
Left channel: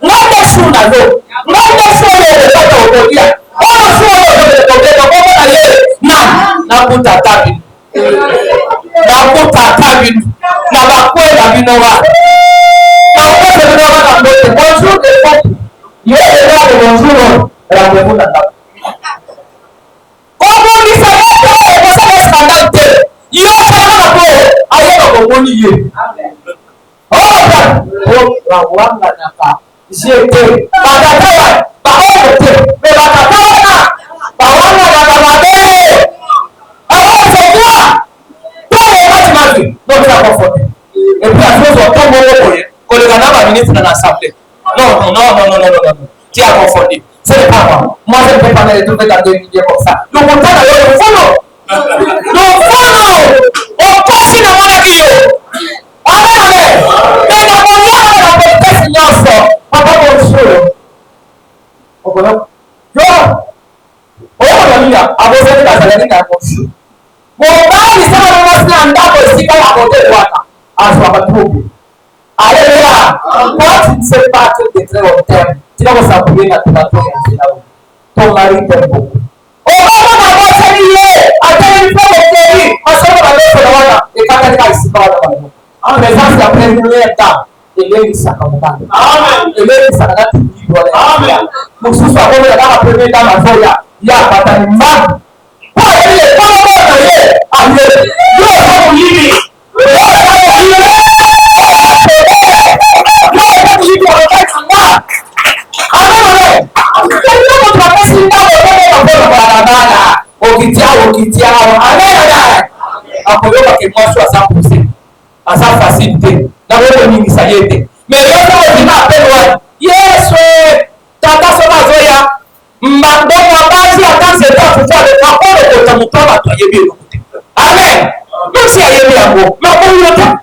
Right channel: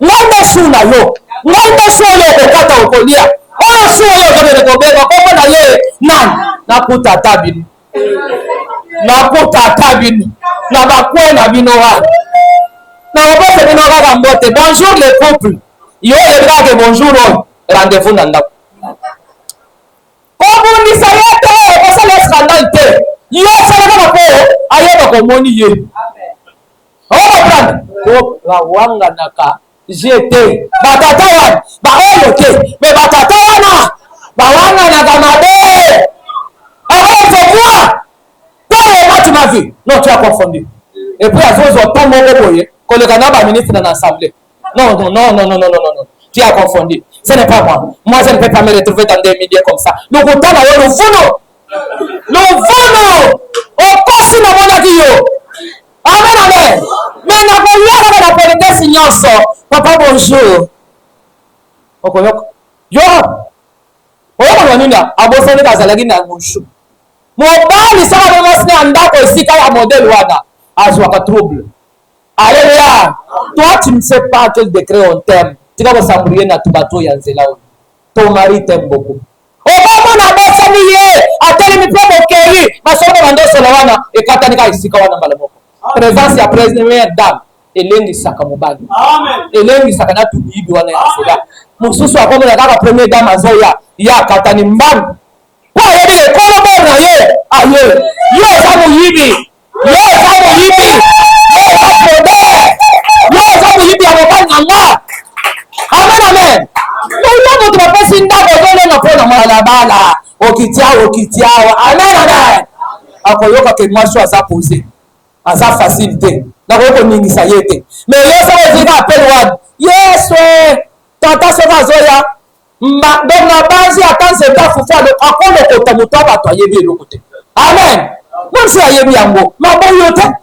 Ngande chou na yo. Ngande chou yo ukata ukonia. Ono chou yo kwenye kubeba kwa na ye. Nani? Nakuta tabini. Nakuta tabini. Na bakwe na bino wa. Na wakati bino wa mbete. Bonjour les couples. Yo est de bonjour. Rendez-vous na ndapo. Money ye. Oh, wanga naka. Jete. Batata wana. Ba oyote. Me batata wana. Ba wanga naka mabe. Alors c'est quoi? Toi les matchs na vie. Non, tu as confondu. Et puis à cause de ton bon boye, quand le Ghana va ministre dans l'assemblée. Non. Tu as confondu. Ce n'est pas moi. Moi je ne peux pas me retrouver dans des milliers comme ça. Nous comptons d'ailleurs le fono. Le fono. Au passé de mon avis. Amen, amen. Mais la moyenne de la vérité signance. Papa bonjour. Okolok. Yo. Okolok minga. Aboseni kazalaki na bonjour. Mobali sana mwana ndako isika ya modèle wana. Azwaka trouble. Alléluia. Toi tu ne sais pas quel décret on t'aime. Tu vas s'appeler na tubato ya nzela. Ton mari t'aime beaucoup. Oba na bosa niye. Ateli mpo mokeri. Masomo mandoso na wana. Ekata nika isika wana balabo. Présence ya première dame. Elengi saka mobali. Amen. Elengi saka na tuyibi wana ya nzela. Mususu akomo ya kaka première dame azoya. Ya katani mbali. Kwa yeli ekono mona ye. Aye. Yo samu yibi. Yo samu yibi. Yo samu yibi ababani nanga. Amen, amen. Kwa mtu wakesi ndako yele na pona mwana okitiao. Amen, amen. Akoyoka ke mwasho asa pose. Asa facilité. Na wole mingi sayete. Mais yo sa ozima appel one. Yesu. Tata soma zoya. Donc basi attend ce temps pour faire le akolo ko tamutaba to yebi lokote. Amen. Même si ayebi ambo. Mais pour le temps.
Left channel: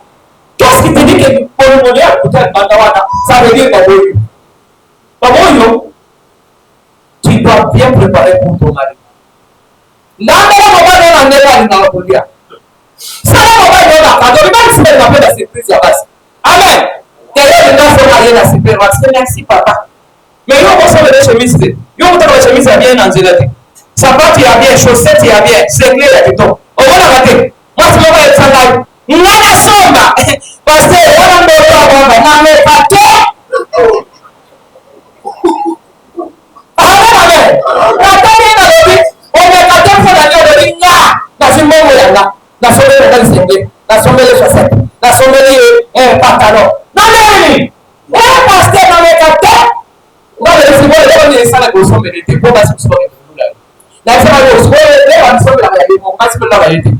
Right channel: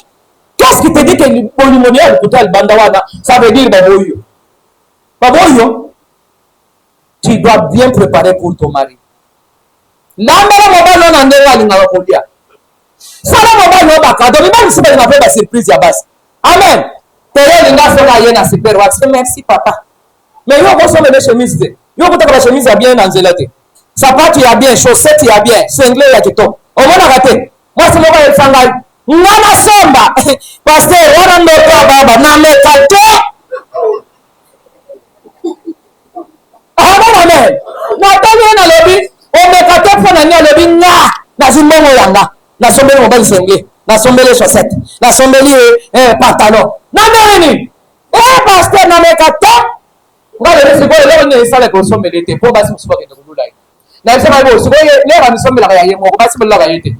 Qu'est-ce qui te dit que polimonia kuta bandawana ça veut dire baboyo. Baboyo. Tu dois bien préparer pour ton mari. L'amela mobile na ndela linakulia. Sana mobile na kado ni bali sima tunapenda surprise ya basi. Amen. Tayari ninasema yeye na super wax. Merci papa. Mais yo boso le chemise. Yo kutaka la chemise ya bien na nzela te. Sapatu ya bien, chaussette ya bien, single ya kitoko. Omona kate. Moi c'est mobile sanga. Ngana somba. Pasteur wana ndo baba na mekato. Amen. Natali na lobi. Omekato fona ni lobi nga. Na simbomo yanga. Na sombele mobile single. Na sombele chaussette. Na sombele pantalon. Na nini? Pasteur na mekato. Ngale nisibole leo ni sana kwa sombele te. Kwa basi msiboke ndula. Na sema leo sibole leo ni sombele ya yemo. Kwa basi mbele la yete.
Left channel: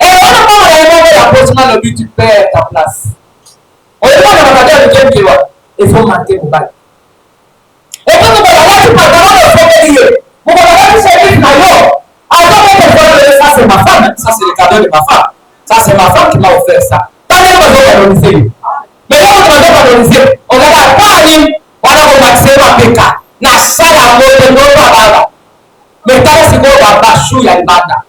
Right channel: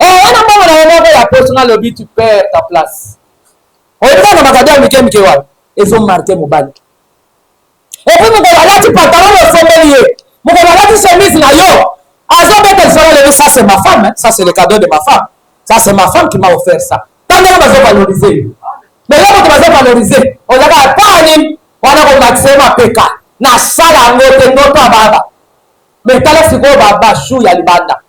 On a pas la personne le but tu perds ta place. On est dans le magasin de quelqu'un qui va. Il faut marquer mon bal. Et puis nous allons tu pantalon le sommelier. Nous allons tu chemise na yo. Alors ça c'est ma femme, ça c'est le cadeau de ma femme. Ça c'est ma femme qui m'a offert ça. T'as on va valoriser. Mais là, on va valoriser. On va pas aller, on va maximum à PK. Na sala moto ndoto baba. Mais t'as si go baba chou ya banda.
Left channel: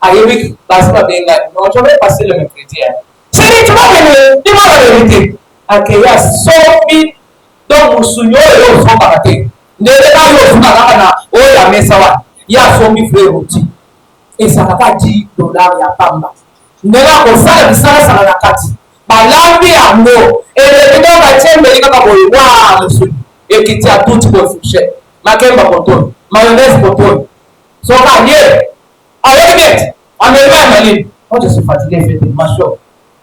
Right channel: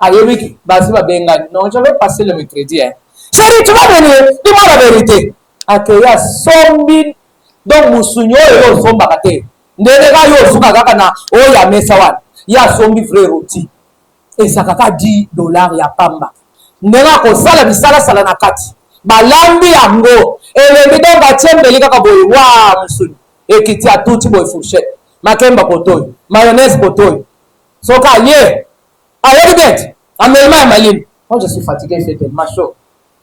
Ayewi bazima benga. Non, je vais passer le mercredi. Chérie, tu vas venir. Dis-moi la vérité. Akeya 100 000 donc musunyo yo so bakate. Ndele ba yo so na o ya mesawa. Ya 100 000 frères roti. Et ça va $10 ya pamba. Ndela ko sala bisala sala na kati. Balambi yango. Et le bidon ba tchembe lika ka boy. Wa musunyo. Et qui tient tout type de fourchette. Makemba koton, mayonnaise koton. So gagné. Allez vite. Amène-moi Maline. Oh, je suis fatigué, il fait tellement chaud.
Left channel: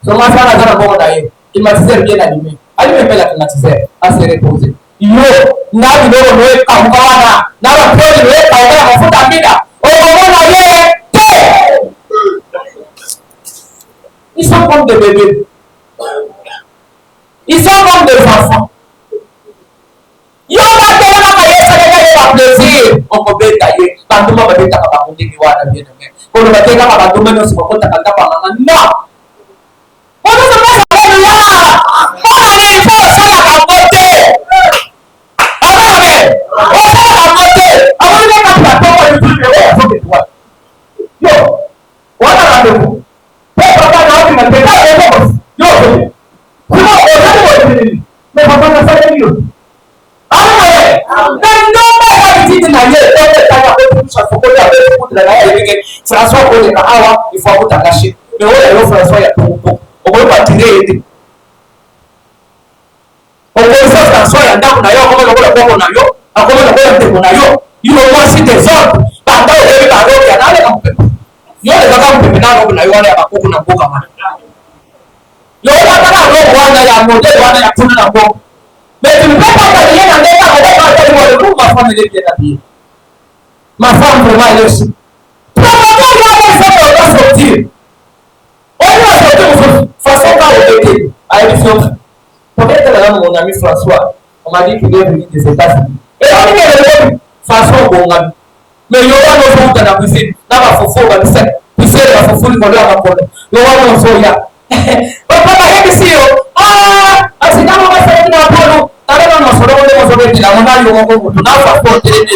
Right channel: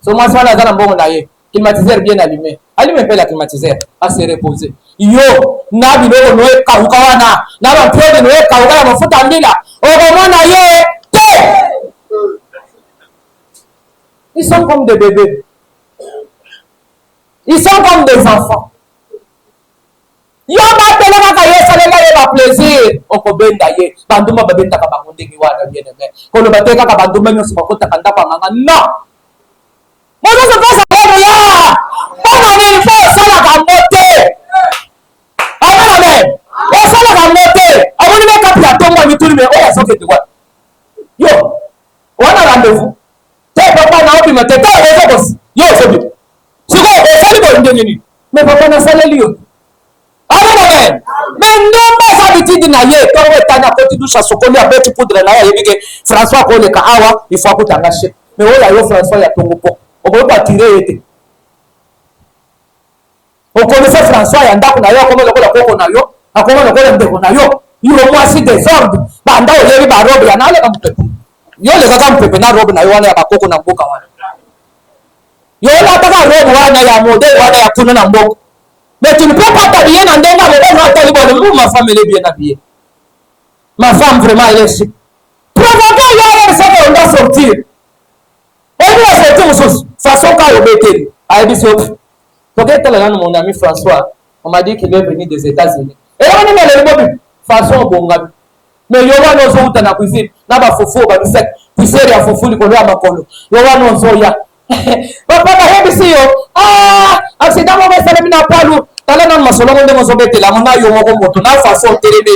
So moi ça là dans bon d'ailleurs. Climatiseur bien allumé. Allumez bien la climatiseur. À se reposer. Yo, na bidon no e kaukawana. Na ba pro no e kauka mafuta mbila. Oh mama ye. Ils sont comme des bébés. Ils sont comme des enfants. Yo ba tele ka yesa le ba plaisir o ko benda ye bantu ba benda ka ba kundi wana bien mais ko ba tele ka ba dume no ko ta kanda ba mama no mo no se pasa bueno ya para ni fo sala ka mote ama me o sala ka mote ama ni ka pia to mo ni tuli me o so ke tuwa yo wana rendez-vous te papa na obi mate ka e ko yo so bi sino o sali mo ni mais papa na sala liyo. Mais non, pas habitude na ye to ke tana ko tu cha sokoli abetu kudra na ye bige François ko le ka awa il faut t'arracher mais o ya lo François ya to ko o ko pa tirer ete o ko le François ya ndaku na yo ko lo ko na yo akoma lo ko ya ndeko na yo yo moi si des ordres ba nda o ye ba robe ya na le ka mpepe yo le ka mpepe na robe na yo ya ba koko na mboka wana yo na ta ka robe wana ya modèle wana ya kuna na mboka. Mais tu ne peux pas t'habiller dans des moments, ma femme elle est bien habillée. Ma femme vraiment elle est aussi. Provoquez-moi ça on doit sortir. Elle doit sortir de façon quand on était. À Ebisson. Peut-être là mon ami François, on m'a dit qu'il est venu des États-Unis. Et on est venu façon bongan. Mais il y aura nos gens dans la cuisine. N'a pas fofo, on va dire puisser la fofo, il va la macone. Il y aura nos soya. Papa va ici. Ah, c'est dans mon affaire na palu. Tala na masolo de masolo de la mama yo mo ko na façon télé.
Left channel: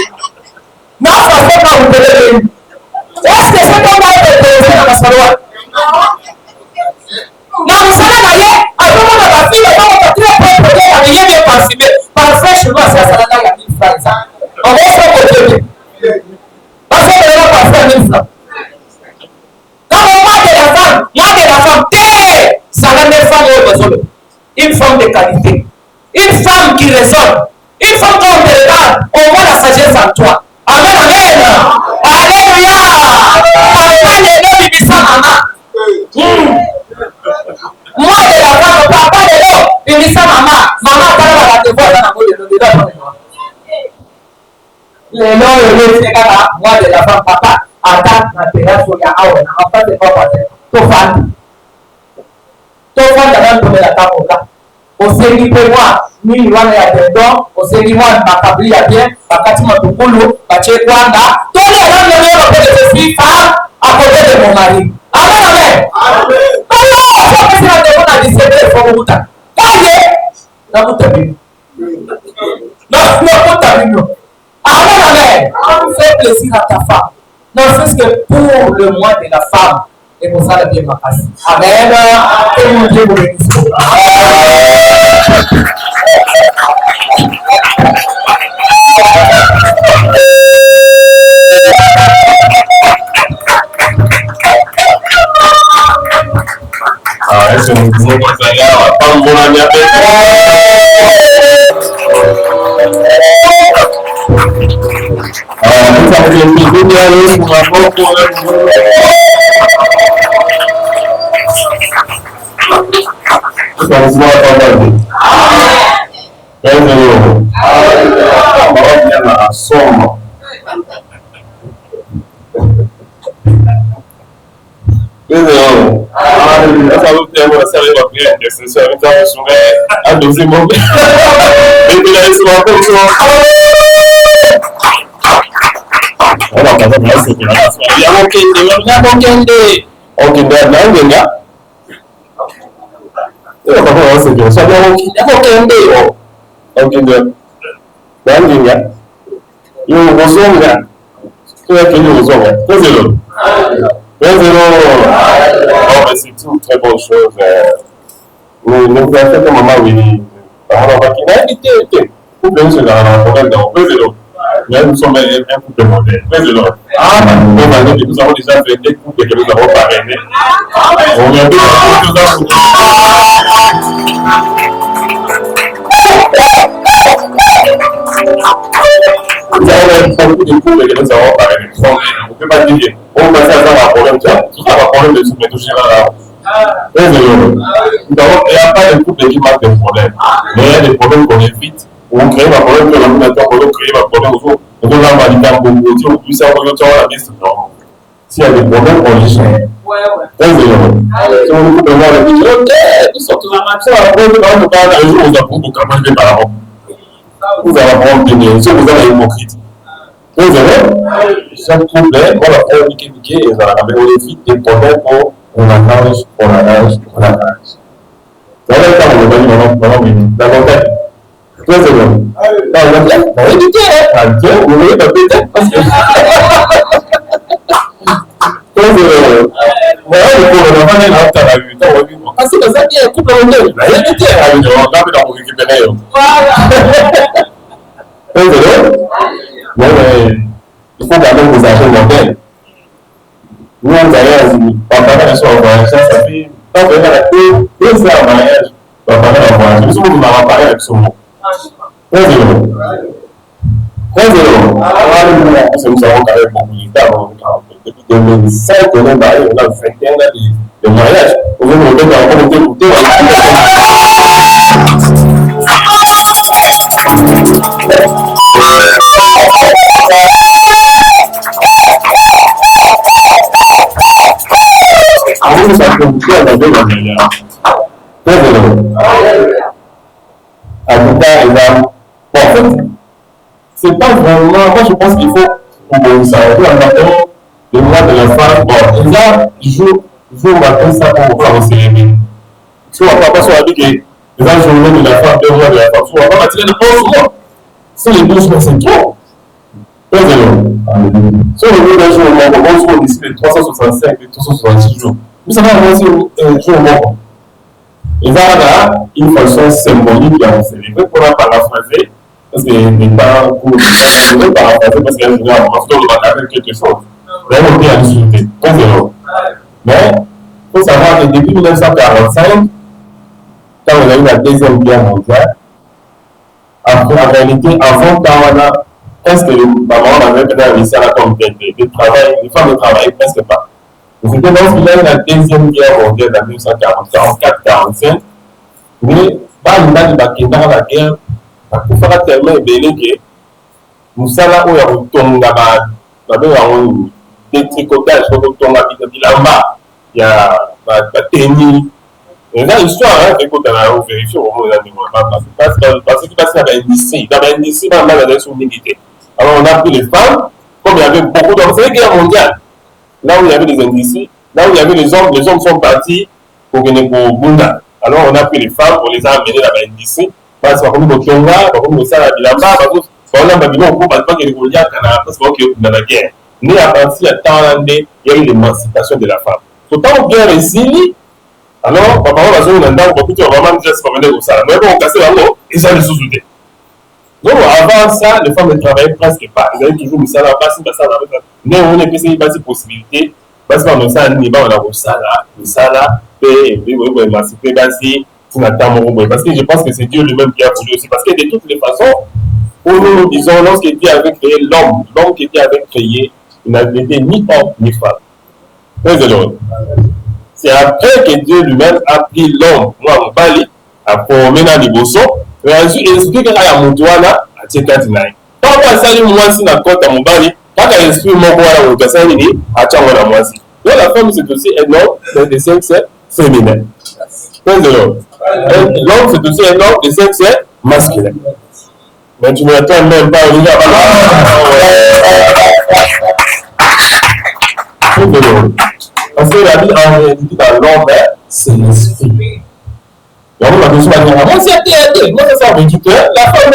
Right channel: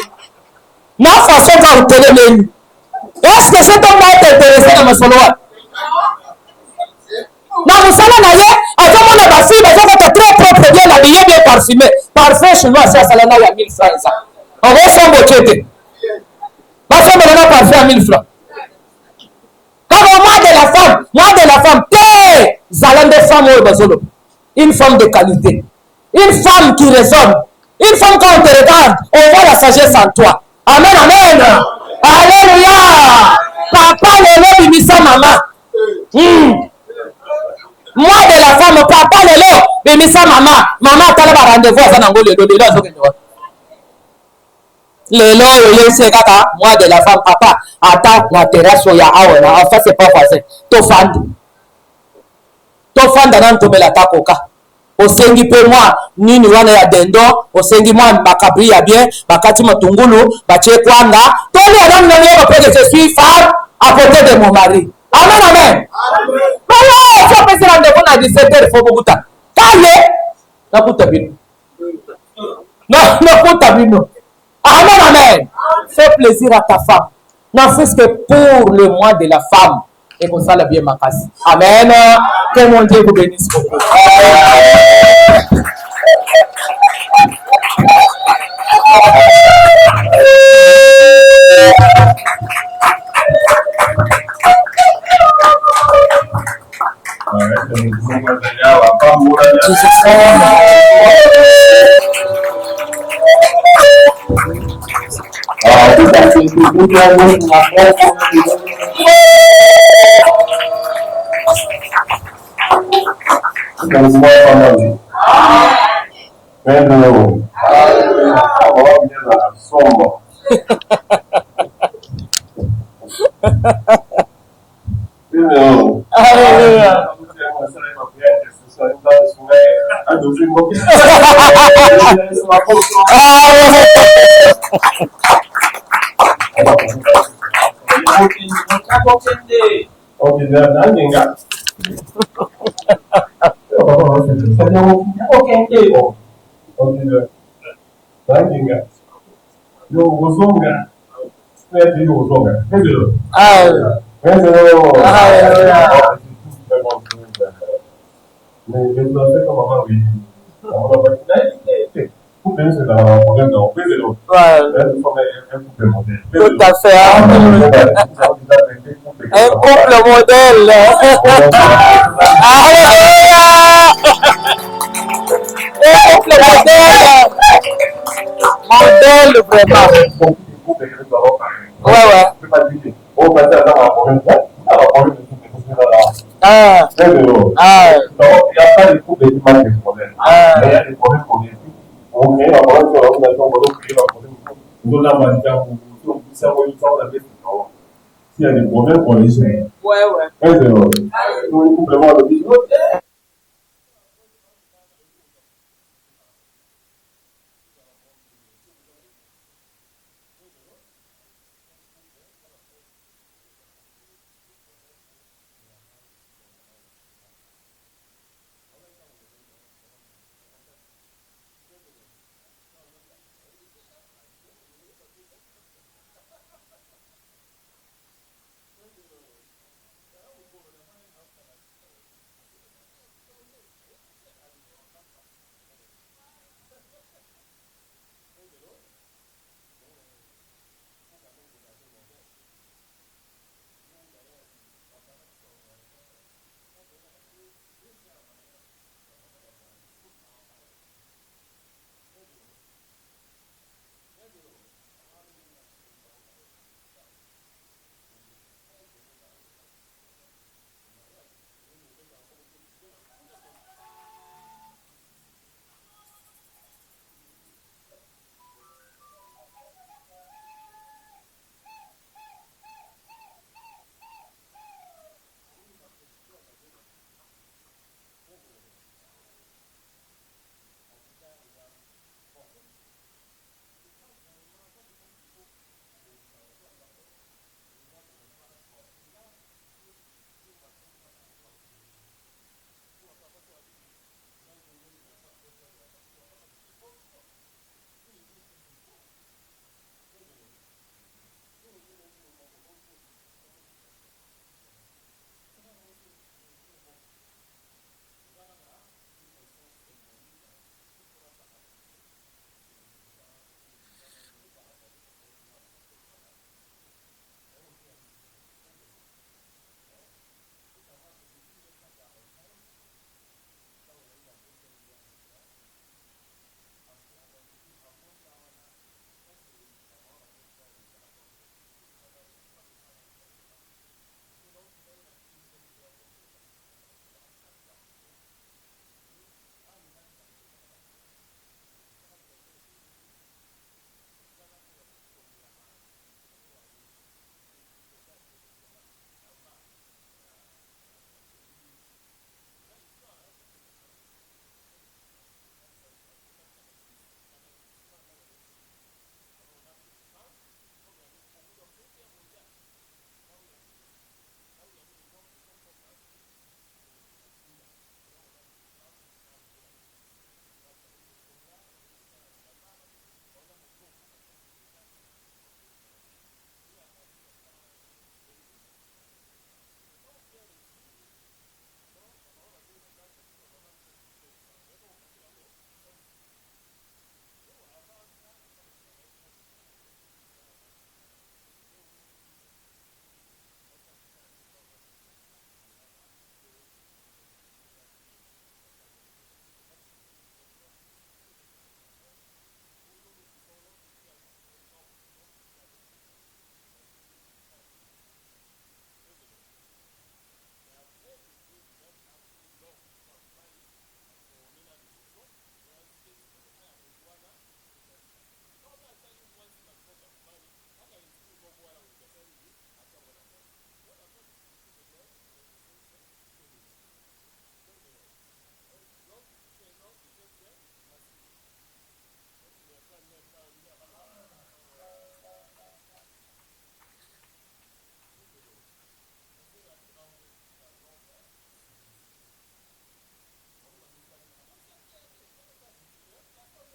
Na façon ka télé. Est-ce que c'est pas intéressé na masolo? Na masolo na ye, azomo na basi, azomo ta très propre bien habillé bien parfumé. Parfum chez moi ça ça na ya 1000 francs ça. On va faire mon télé. Parce que na parfum à 1000 francs. Comme moi de la femme, t'es Zalande femme ou masolo. Une femme de qualité. Une femme qui résonne. Une femme qui te regarde. On voit la sagesse en toi. Amen, amen. Alléluia. Papa de l'eau, bimisa maman. Moi de la femme, papa de l'eau, bimisa maman. Maman, tu as rendez-vous à Zanango, le dos de l'eau. Le lot, c'est kaka. Moi de la femme, papa, attends la terrasse où il y a awana. Enfin, c'est pas facile. Ton fan. Ton fan d'ailleurs tomber la tapoka. Osengi pe moi nini wana ya dendo osengi moi makabri ya bien bakati matungulu bache kwanga toli ya nani ndio pede je suis femme à côté de mon mari. Amen amen. Amen. Faut que ça ne pas décéder faut buta. Kaye na buta bi. Na buta bi. Amen amen. Fais plaisir à ta femme. Ne fais que pour le mois de la femme. Et pour ça, le bien ma passe. Amen. Que mon Dieu vous bénisse. Est-ce que nous pouvons passer à la mon ami avec vous avez une vidéo pour ma somo. Não. Eu falo que eu vou sair da frente, esse senhor então vai chover a 12 momentos. Eu vou dar isso uma pessoa. Olha, casa para isso, já vou querer, já vou querer. O que der não, venga. c'est bien. Ça doit être ok. Yo, Rosonga. Tu es venu Rosonga. 2-0. 2-0. Oh, mais c'est une très bonne chose. Nous avons fait un moment où on va quitter. Couple de choses dans 2-0. Mais nous sommes un couple modèle. 2-0. Nous avons déjà fait des couples que nous avons fait. Couple modèle. Nous avons beaucoup de couples que nous avons parlé. On ne peut pas dire on va faire ça un problème. Tout ça va problème de soumettre toucher là. 2-0. Il n'y a pas de couple qui manque de problème. Mais il y a des problèmes qu'on évite. On crée un problème que l'ordinateur peut créer un problème autour. On doit valider beaucoup. On peut savoir que la liste. S'il y a des problèmes, on les gère. 2-0. Si on coupe le monde, on dit ok, nous sommes tous en action. Après, nous allons parler un jour, nous avons beaucoup de par rapport. Vous allez apprendre bien. Si vous avez hypocrite. 2-0. Chaque couple, on va faire niquer, et on évite des problèmes pour on arrange. Dans le temps, on va dire davantage. 2-0. On va dire, on va éviter, vous voyez, peut-être, parce que. 2-0. Voilà, on va faire un temps à 8 ans, on va dire, c'est comme ça qu'il y a un couple en deux. On va éviter, on va faire pour récupérer. 2-0. Mais il faut quand même vous acheter modèle. Nous, on a papa de son voyage, ça fait pas vraiment la cour, 2 ans en mariage, papa de son voyage. Nous sommes en parler avec son mot. 2-0. 2-0. Nous avons quand même beaucoup de temps. Depuis 2005, on a marié, on a 21 ans de mariage. Aujourd'hui, on est encore écouter. Ça peut vous faire dans 2 ans. 2-0. En tout cas, en fait, c'est pas vraiment. Moi, je pense qu'il faut pour s'arrêter en attendant le mois de la femme. Bon, là, jour matin, ça pour pouvoir se célébrer. Si on va pas se dire que les gens journée de la femme, 2 mois de la femme, on va pas tirer de 11 mois. Si les 12 mois, c'est trop. 2-0. Si on veut d'un jour au monde, on va d'ici les 365 et 366 jours. Mais ça va avancer un jour au monde. Et là, une façon symbolique à célébrer pour la paraphraser, parce que n'est pas pour paraphraser, parce qu'il y a une façon de faire quelque chose. Vraiment bien discuter. 2-0. Mais il faut savoir que depuis 1945, quand on a eu la Deuxième Guerre mondiale, en réalité, avant Tawana, presque les mamans avaient réussi à la comme de travail, les femmes ne travaillaient presque pas. C'était lorsqu'il y a eu la Deuxième Guerre mondiale en 1944-45, mais pas une date de la guerre, pour faire tellement belé que nous sommes là où il y a un ton là-bas, des tricotages, il y a la tenue. Et là, l'histoire, écoute, on a vérifié au moment où parce qu'il passe dans l'NDC, dans la direction militaire. Alors, on a pris les femmes, comme il y avait beaucoup d'hommes, c'est la guerre mondiale. Là où il y avait les NDC, là où il y avait les hommes sont partis pour venir pour Bunda. Alors, on a pris les femmes, on les a amenées à la NDC, parce qu'on a mis au Tonga, on a mis à Bilamba, parce qu'on a mis au Gouba, parce qu'il y a dans la guerre. Mais à partir de temps, il y a eu l'émancipation de la femme. Autant bien réussi, alors, papa, on va jouer dans le beaucoup de vraiment juste pour venir au salon. Mais bon, on casse la roue et ça les sous-souder. Donc, avant ça, les femmes ne travaillaient presque pas. Ils avaient toujours mis ça là-bas, mais on a essayé de possibilité. Parce qu'on a ça, on a ça, et on a émancipé, parce que je pense que c'est Dieu lui-même qui a voulu aussi. Parce que de toutes les façons, pour nous disons, lorsque Dieu avait créé l'homme qui avait créé, il n'avait été ni homme ni femme. Très heureux. C'est après que Dieu lui-même a pris l'homme, moi, mon bali, a formé dans les bossons, et ensuite, il explique qu'il y a mon doigt là, à Tchekatinaï. Quand on a sali moi, si la côte à mon bali, quand on explique mon doigt là, on a sali, à Tchangona moi, si. Donc, la femme, c'est aussi un homme de sexe féminin. Très heureux. L'homme, c'est aussi un homme de sexe masculin. Mais tu ne m'attends même pas, on y va. Très heureux. Parce que la vie en réalité dans l'homme, c'est l'esprit. La femme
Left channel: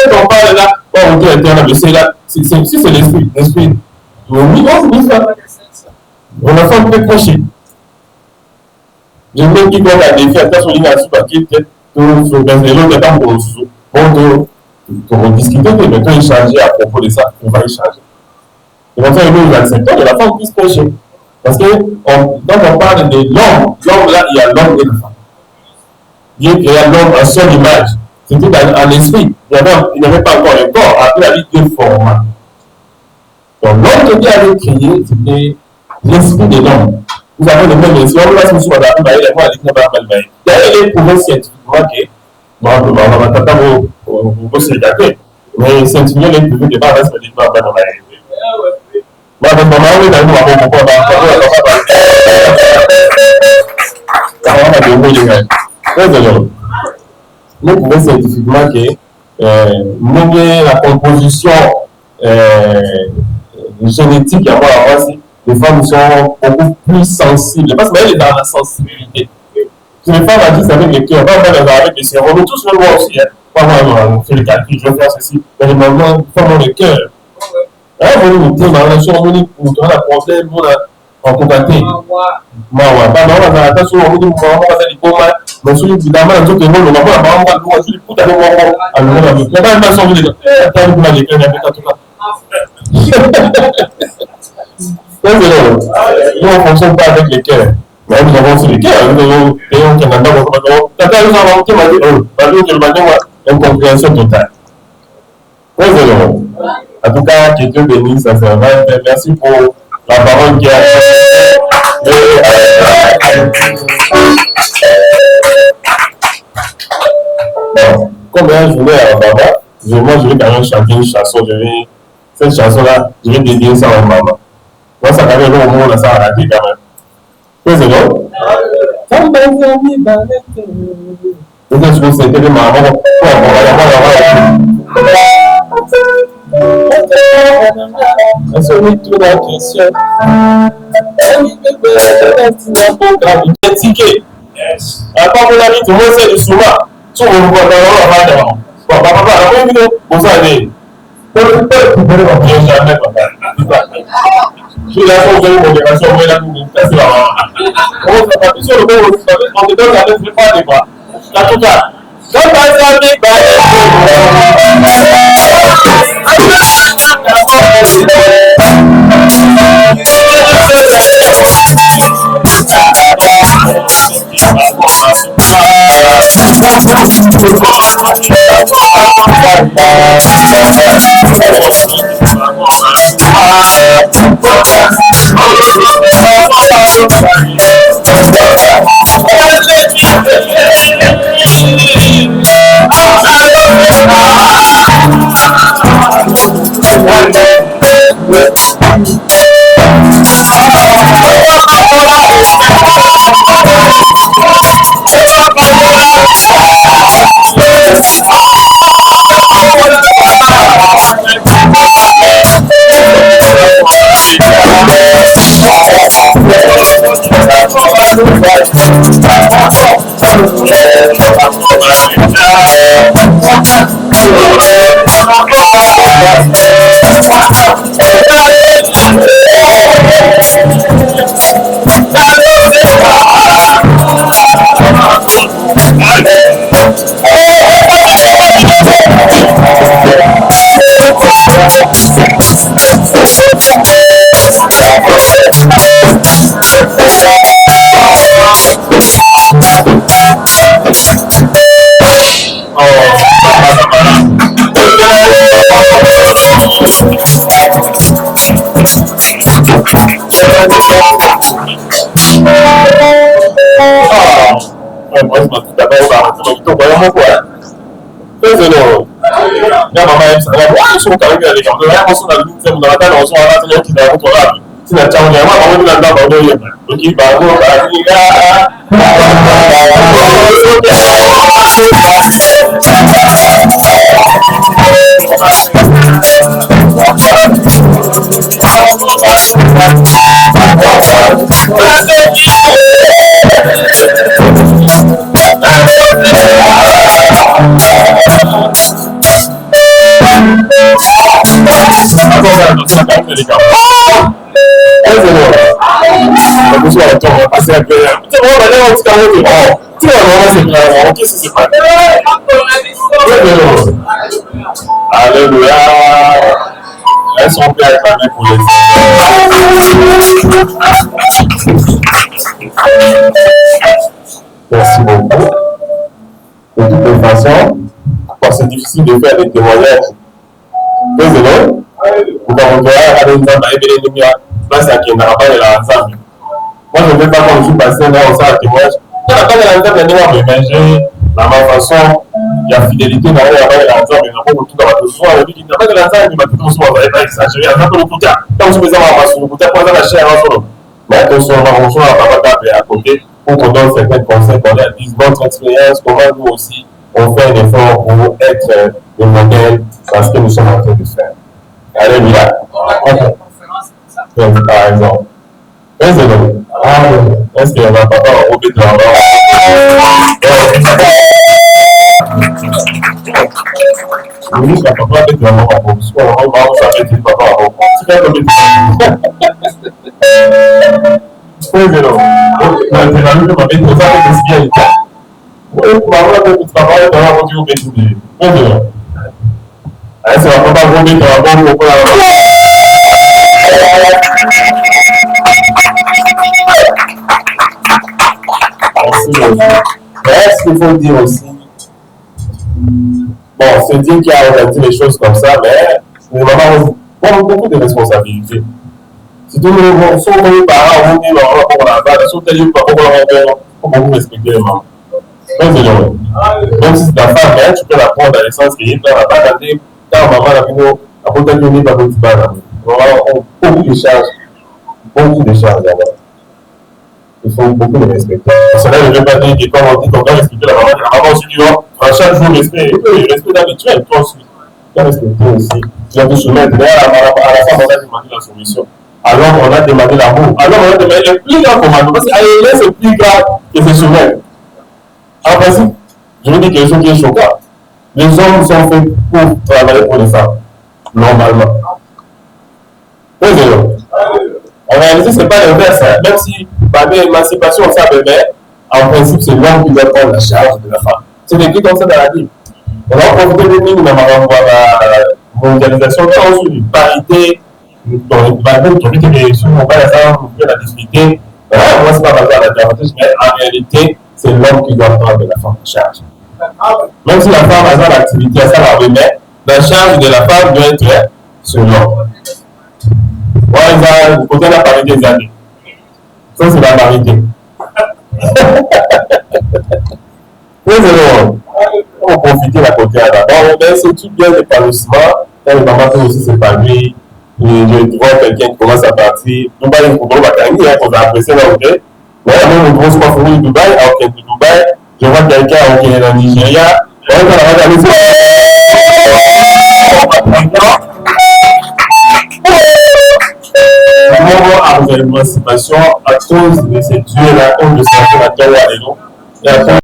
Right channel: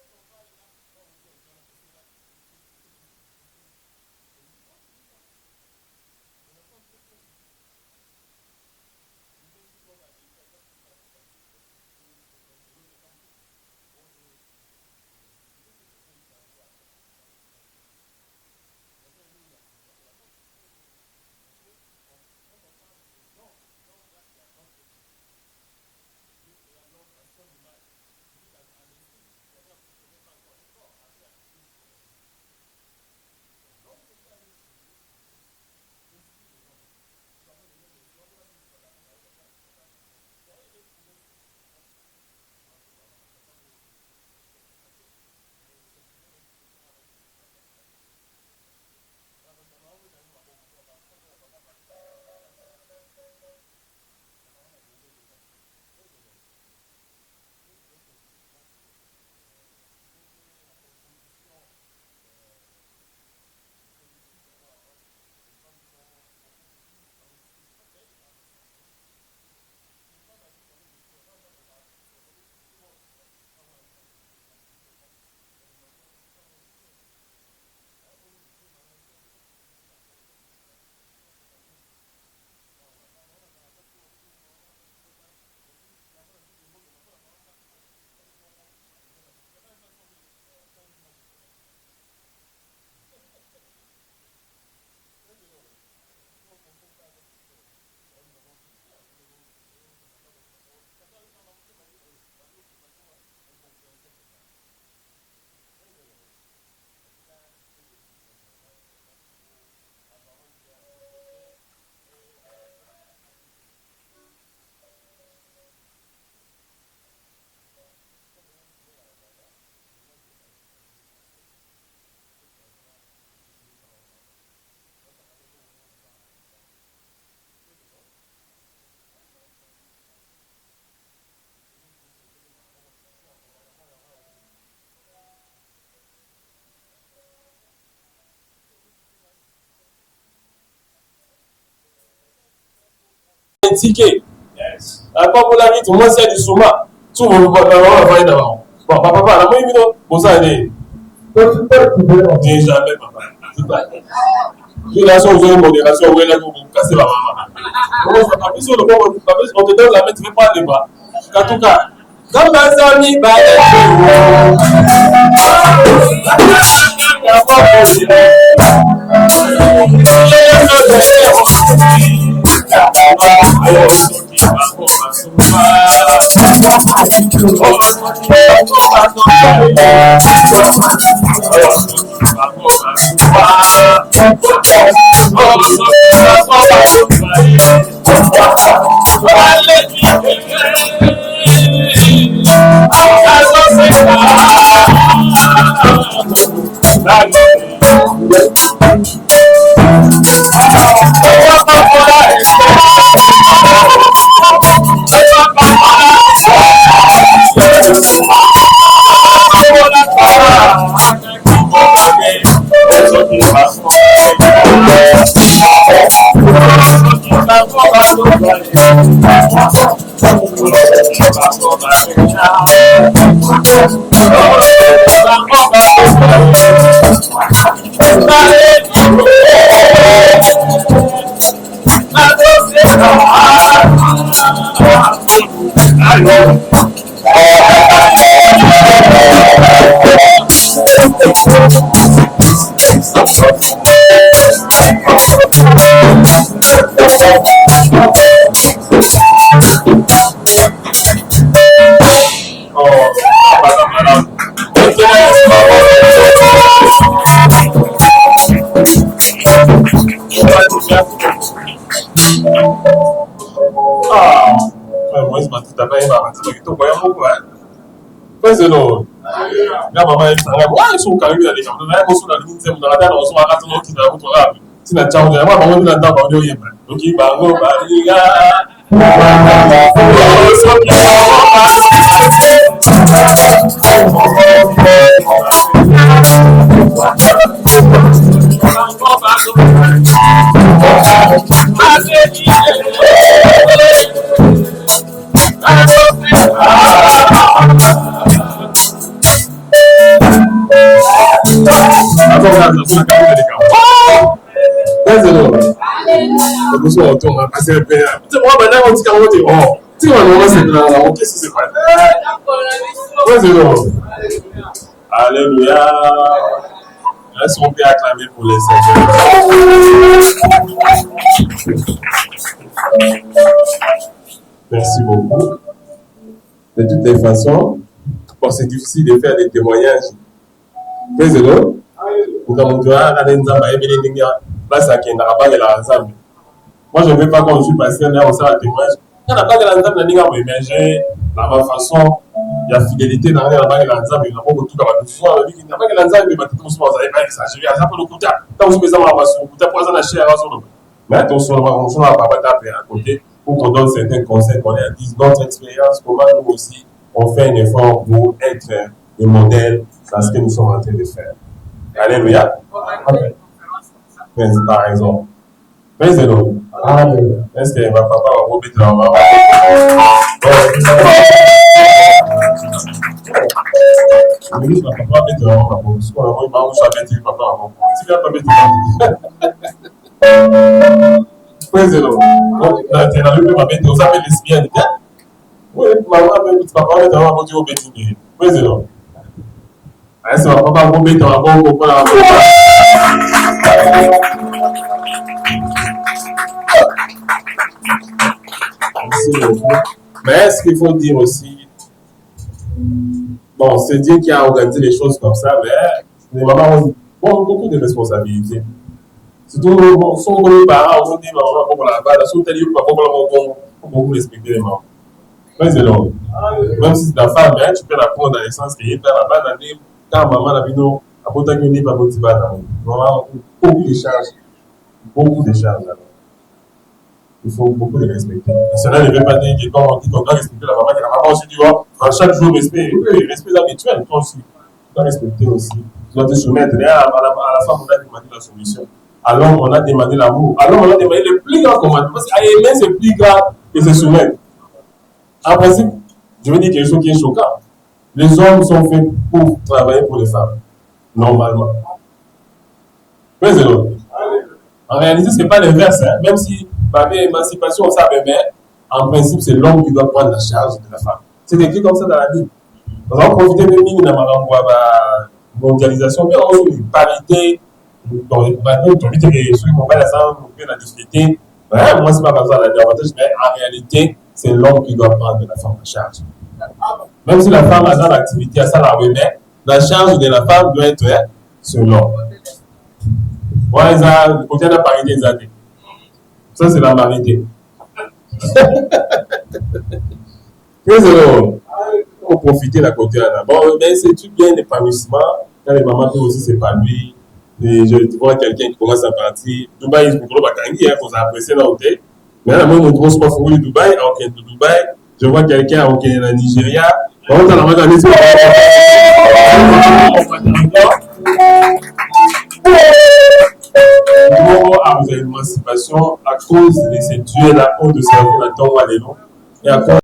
dont on parle là, on dit interne, mais c'est là, si c'est l'esprit. Oui, on a fait un peu proché. Je me dis qu'on a des faits, attention, il y a un papier, peut-être, on discuter, mais quand échanger à propos de ça, on va échanger. Et on fait nous acceptons que la femme puisse prêcher. Parce que quand on parle de l'homme là, il y a l'homme et la femme. Dieu créa l'homme en seule image. C'était dans l'esprit. Il n'y avait pas encore le corps. Après, la vie deux formats. Donc, l'homme que Dieu avait créé, c'était l'esprit de l'homme. Nous avons le même esprit. On va se souvenir de la vie. D'ailleurs, il est prouvé scientifiquement que, on va t'attendre au sédateur. Mais scientifiquement, il est prouvé que pas rester de pas dans la vie. Nous pouvons scientifiquement que la composition génétique les femmes sont beaucoup plus sensibles parce qu'elles sont dans la sensibilité. Si les femmes agissent avec le cœur, pas avec le cerveau, nous tous le voit aussi. Pas moi, on fait le calcul, je vais faire ceci. Mais les mamans font le cœur. Vous avez la problème, vous avez en contacté. Nous on ne fonctionne pas avec les cœurs. Mais nous avons aussi les cœurs. Nous avons un Canada, incompréhension totale. En tout cas, que Dieu bénisse, ça sert. Merci pour la parole qui a bon, comme je voulais à Baba, moi je vais quand même chanter une chanson. Cette chanson-là, je vais dédier ça à maman. Moi, ça va aller au moment où ça a raté quand même. C'est bon? Peut-être que c'était maman. Après, on a dit tout le monde c'est du souma. Tout le monde va faire papa, on s'en est. Jamais, papa. Je suis là sur une modération, vous là pour vous casser la main. On ne pas sur le bon, on te donne la tête, je pas des bras. En tout cas, dans ma famille, I c'est la carrière de l'écart. C'est bon. C'est bon. C'est agréable. C'est bon, maintenant, on dit qu'à l'autre, tu vois, c'est clair. Ok, si c'est pas. Alléluia. Elles sont bien acclamées pour les Merci beaucoup. De toutes les façons, c'est difficile de faire des témoignages. Désolé. Vous avez moi, je ne vais pas, quand je suis passé là, on sent un témoignage. Dans la mais j'ai la même façon, il y a fidélité dans la langue, mais on a beaucoup de choses. On a dit qu'il n'y a pas de langue, mais tout le monde va exagérer. On a pas le côté. Quand je me disais, on va sur le côté, on va la chair à solo. Mais attention, on va à côté pour qu'on donne certains conseils, qu'on a dit votre expérience, comment nous aussi, on fait un effort pour être des modèles dans ce que nous sommes en train de faire. Alléluia. Par exemple. Est-ce que ma papa a roulé de la main? Oui, ma papa a fait de la main à vous. On va mettre le papa à vous. Tu fais comme président. Maintenant, nous avons mis ça avec les bien. Oui, maman a fait papa est dans la voiture au petit. Président. Est-ce que ma papa a roulé de la main pour la mais est-ce qu'il faut dire aussi, bon, c'est dire qu'il a organisé les choses comme ça, mais les mamans ont beaucoup de responsabilités. Surtout, si on est parents, on dit, on a la si on est libre, on peut beaucoup respecter les mamans. Même si c'est ta femme, tu peux la prendre dans le sens qu'il y a la balle d'année, quand maman a vu nous, à côté de nous, pas de petit balle. Beaucoup de charges d'abord. Il faut beaucoup de respecter. Cela ne veut pas dire que quand on dit qu'on doit respecter la maman aussi dit, chaque jour, respect. Oui, respect habituel, toi aussi. Tu dois respecter aussi. Tu dois te soumettre. Mais à la femme, on a demandé la soumission. Alors, on a demandé l'amour. Alors, on a demandé le plus grand commandement. Parce qu'aimer, c'est plus grave que se soumettre. En principe, je veux dire quelque chose qui est choquant. Les hommes sont faits pour travailler pour les femmes. Normalement. Oui, c'est vrai. En réalité, ce n'est pas l'inverse. Hein. Même si, par l'émancipation, on savait, mais en principe, c'est l'homme qui doit prendre la charge de la femme. C'est écrit comme ça dans la Bible. On va profiter de nous, dans la mondialisation, on dit parité, dans les Bible, on dit que la difficulté, moi, c'est pas besoin de la davantage, mais en réalité, c'est l'homme qui doit prendre la femme en charge. Même si la femme a dans l'activité, ça la remet, la charge de la femme doit être sur l'homme. Ouais, côté de la parité des années. Ça, c'est la parité. On va profiter de la côté d'abord. Mais c'est tout bien l'épanouissement. Quand les mamans peuvent aussi s'épanouir. Je vois quelqu'un qui commence à partir. Dubaï, il faut pas gagner, on a apprécié là, ok. Mais la même grosse fois, il faut Dubaï, à Dubaï. Je vois quelqu'un qui est dans le Nigeria. On va regarder ça. Nous avons à l'émancipation à cause de ces dieux-là, à cause de ces dieux-là, et à cause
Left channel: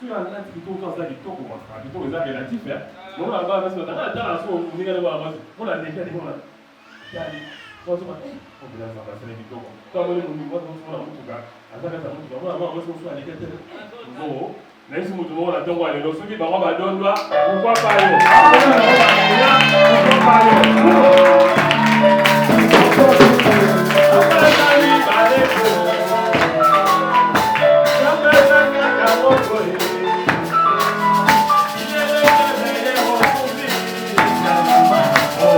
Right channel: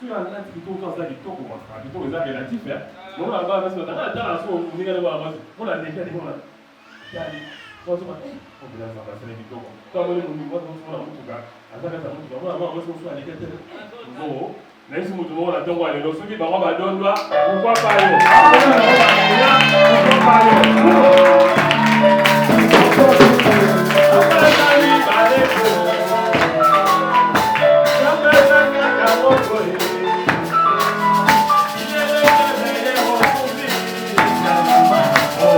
Tu as un plutôt dans ça qui tombe, plutôt les arts relatifs. On a pas parce que dans la terre, on dit que on a des cas de on a. On se dit, on peut faire passer les vidéos. Quand on est au niveau de son en tout cas, à ça que ça monte, on va voir ce qu'on soit les cas de. Bon, même si on a donc aller dans ce qui va on va donner pourquoi pas yo. On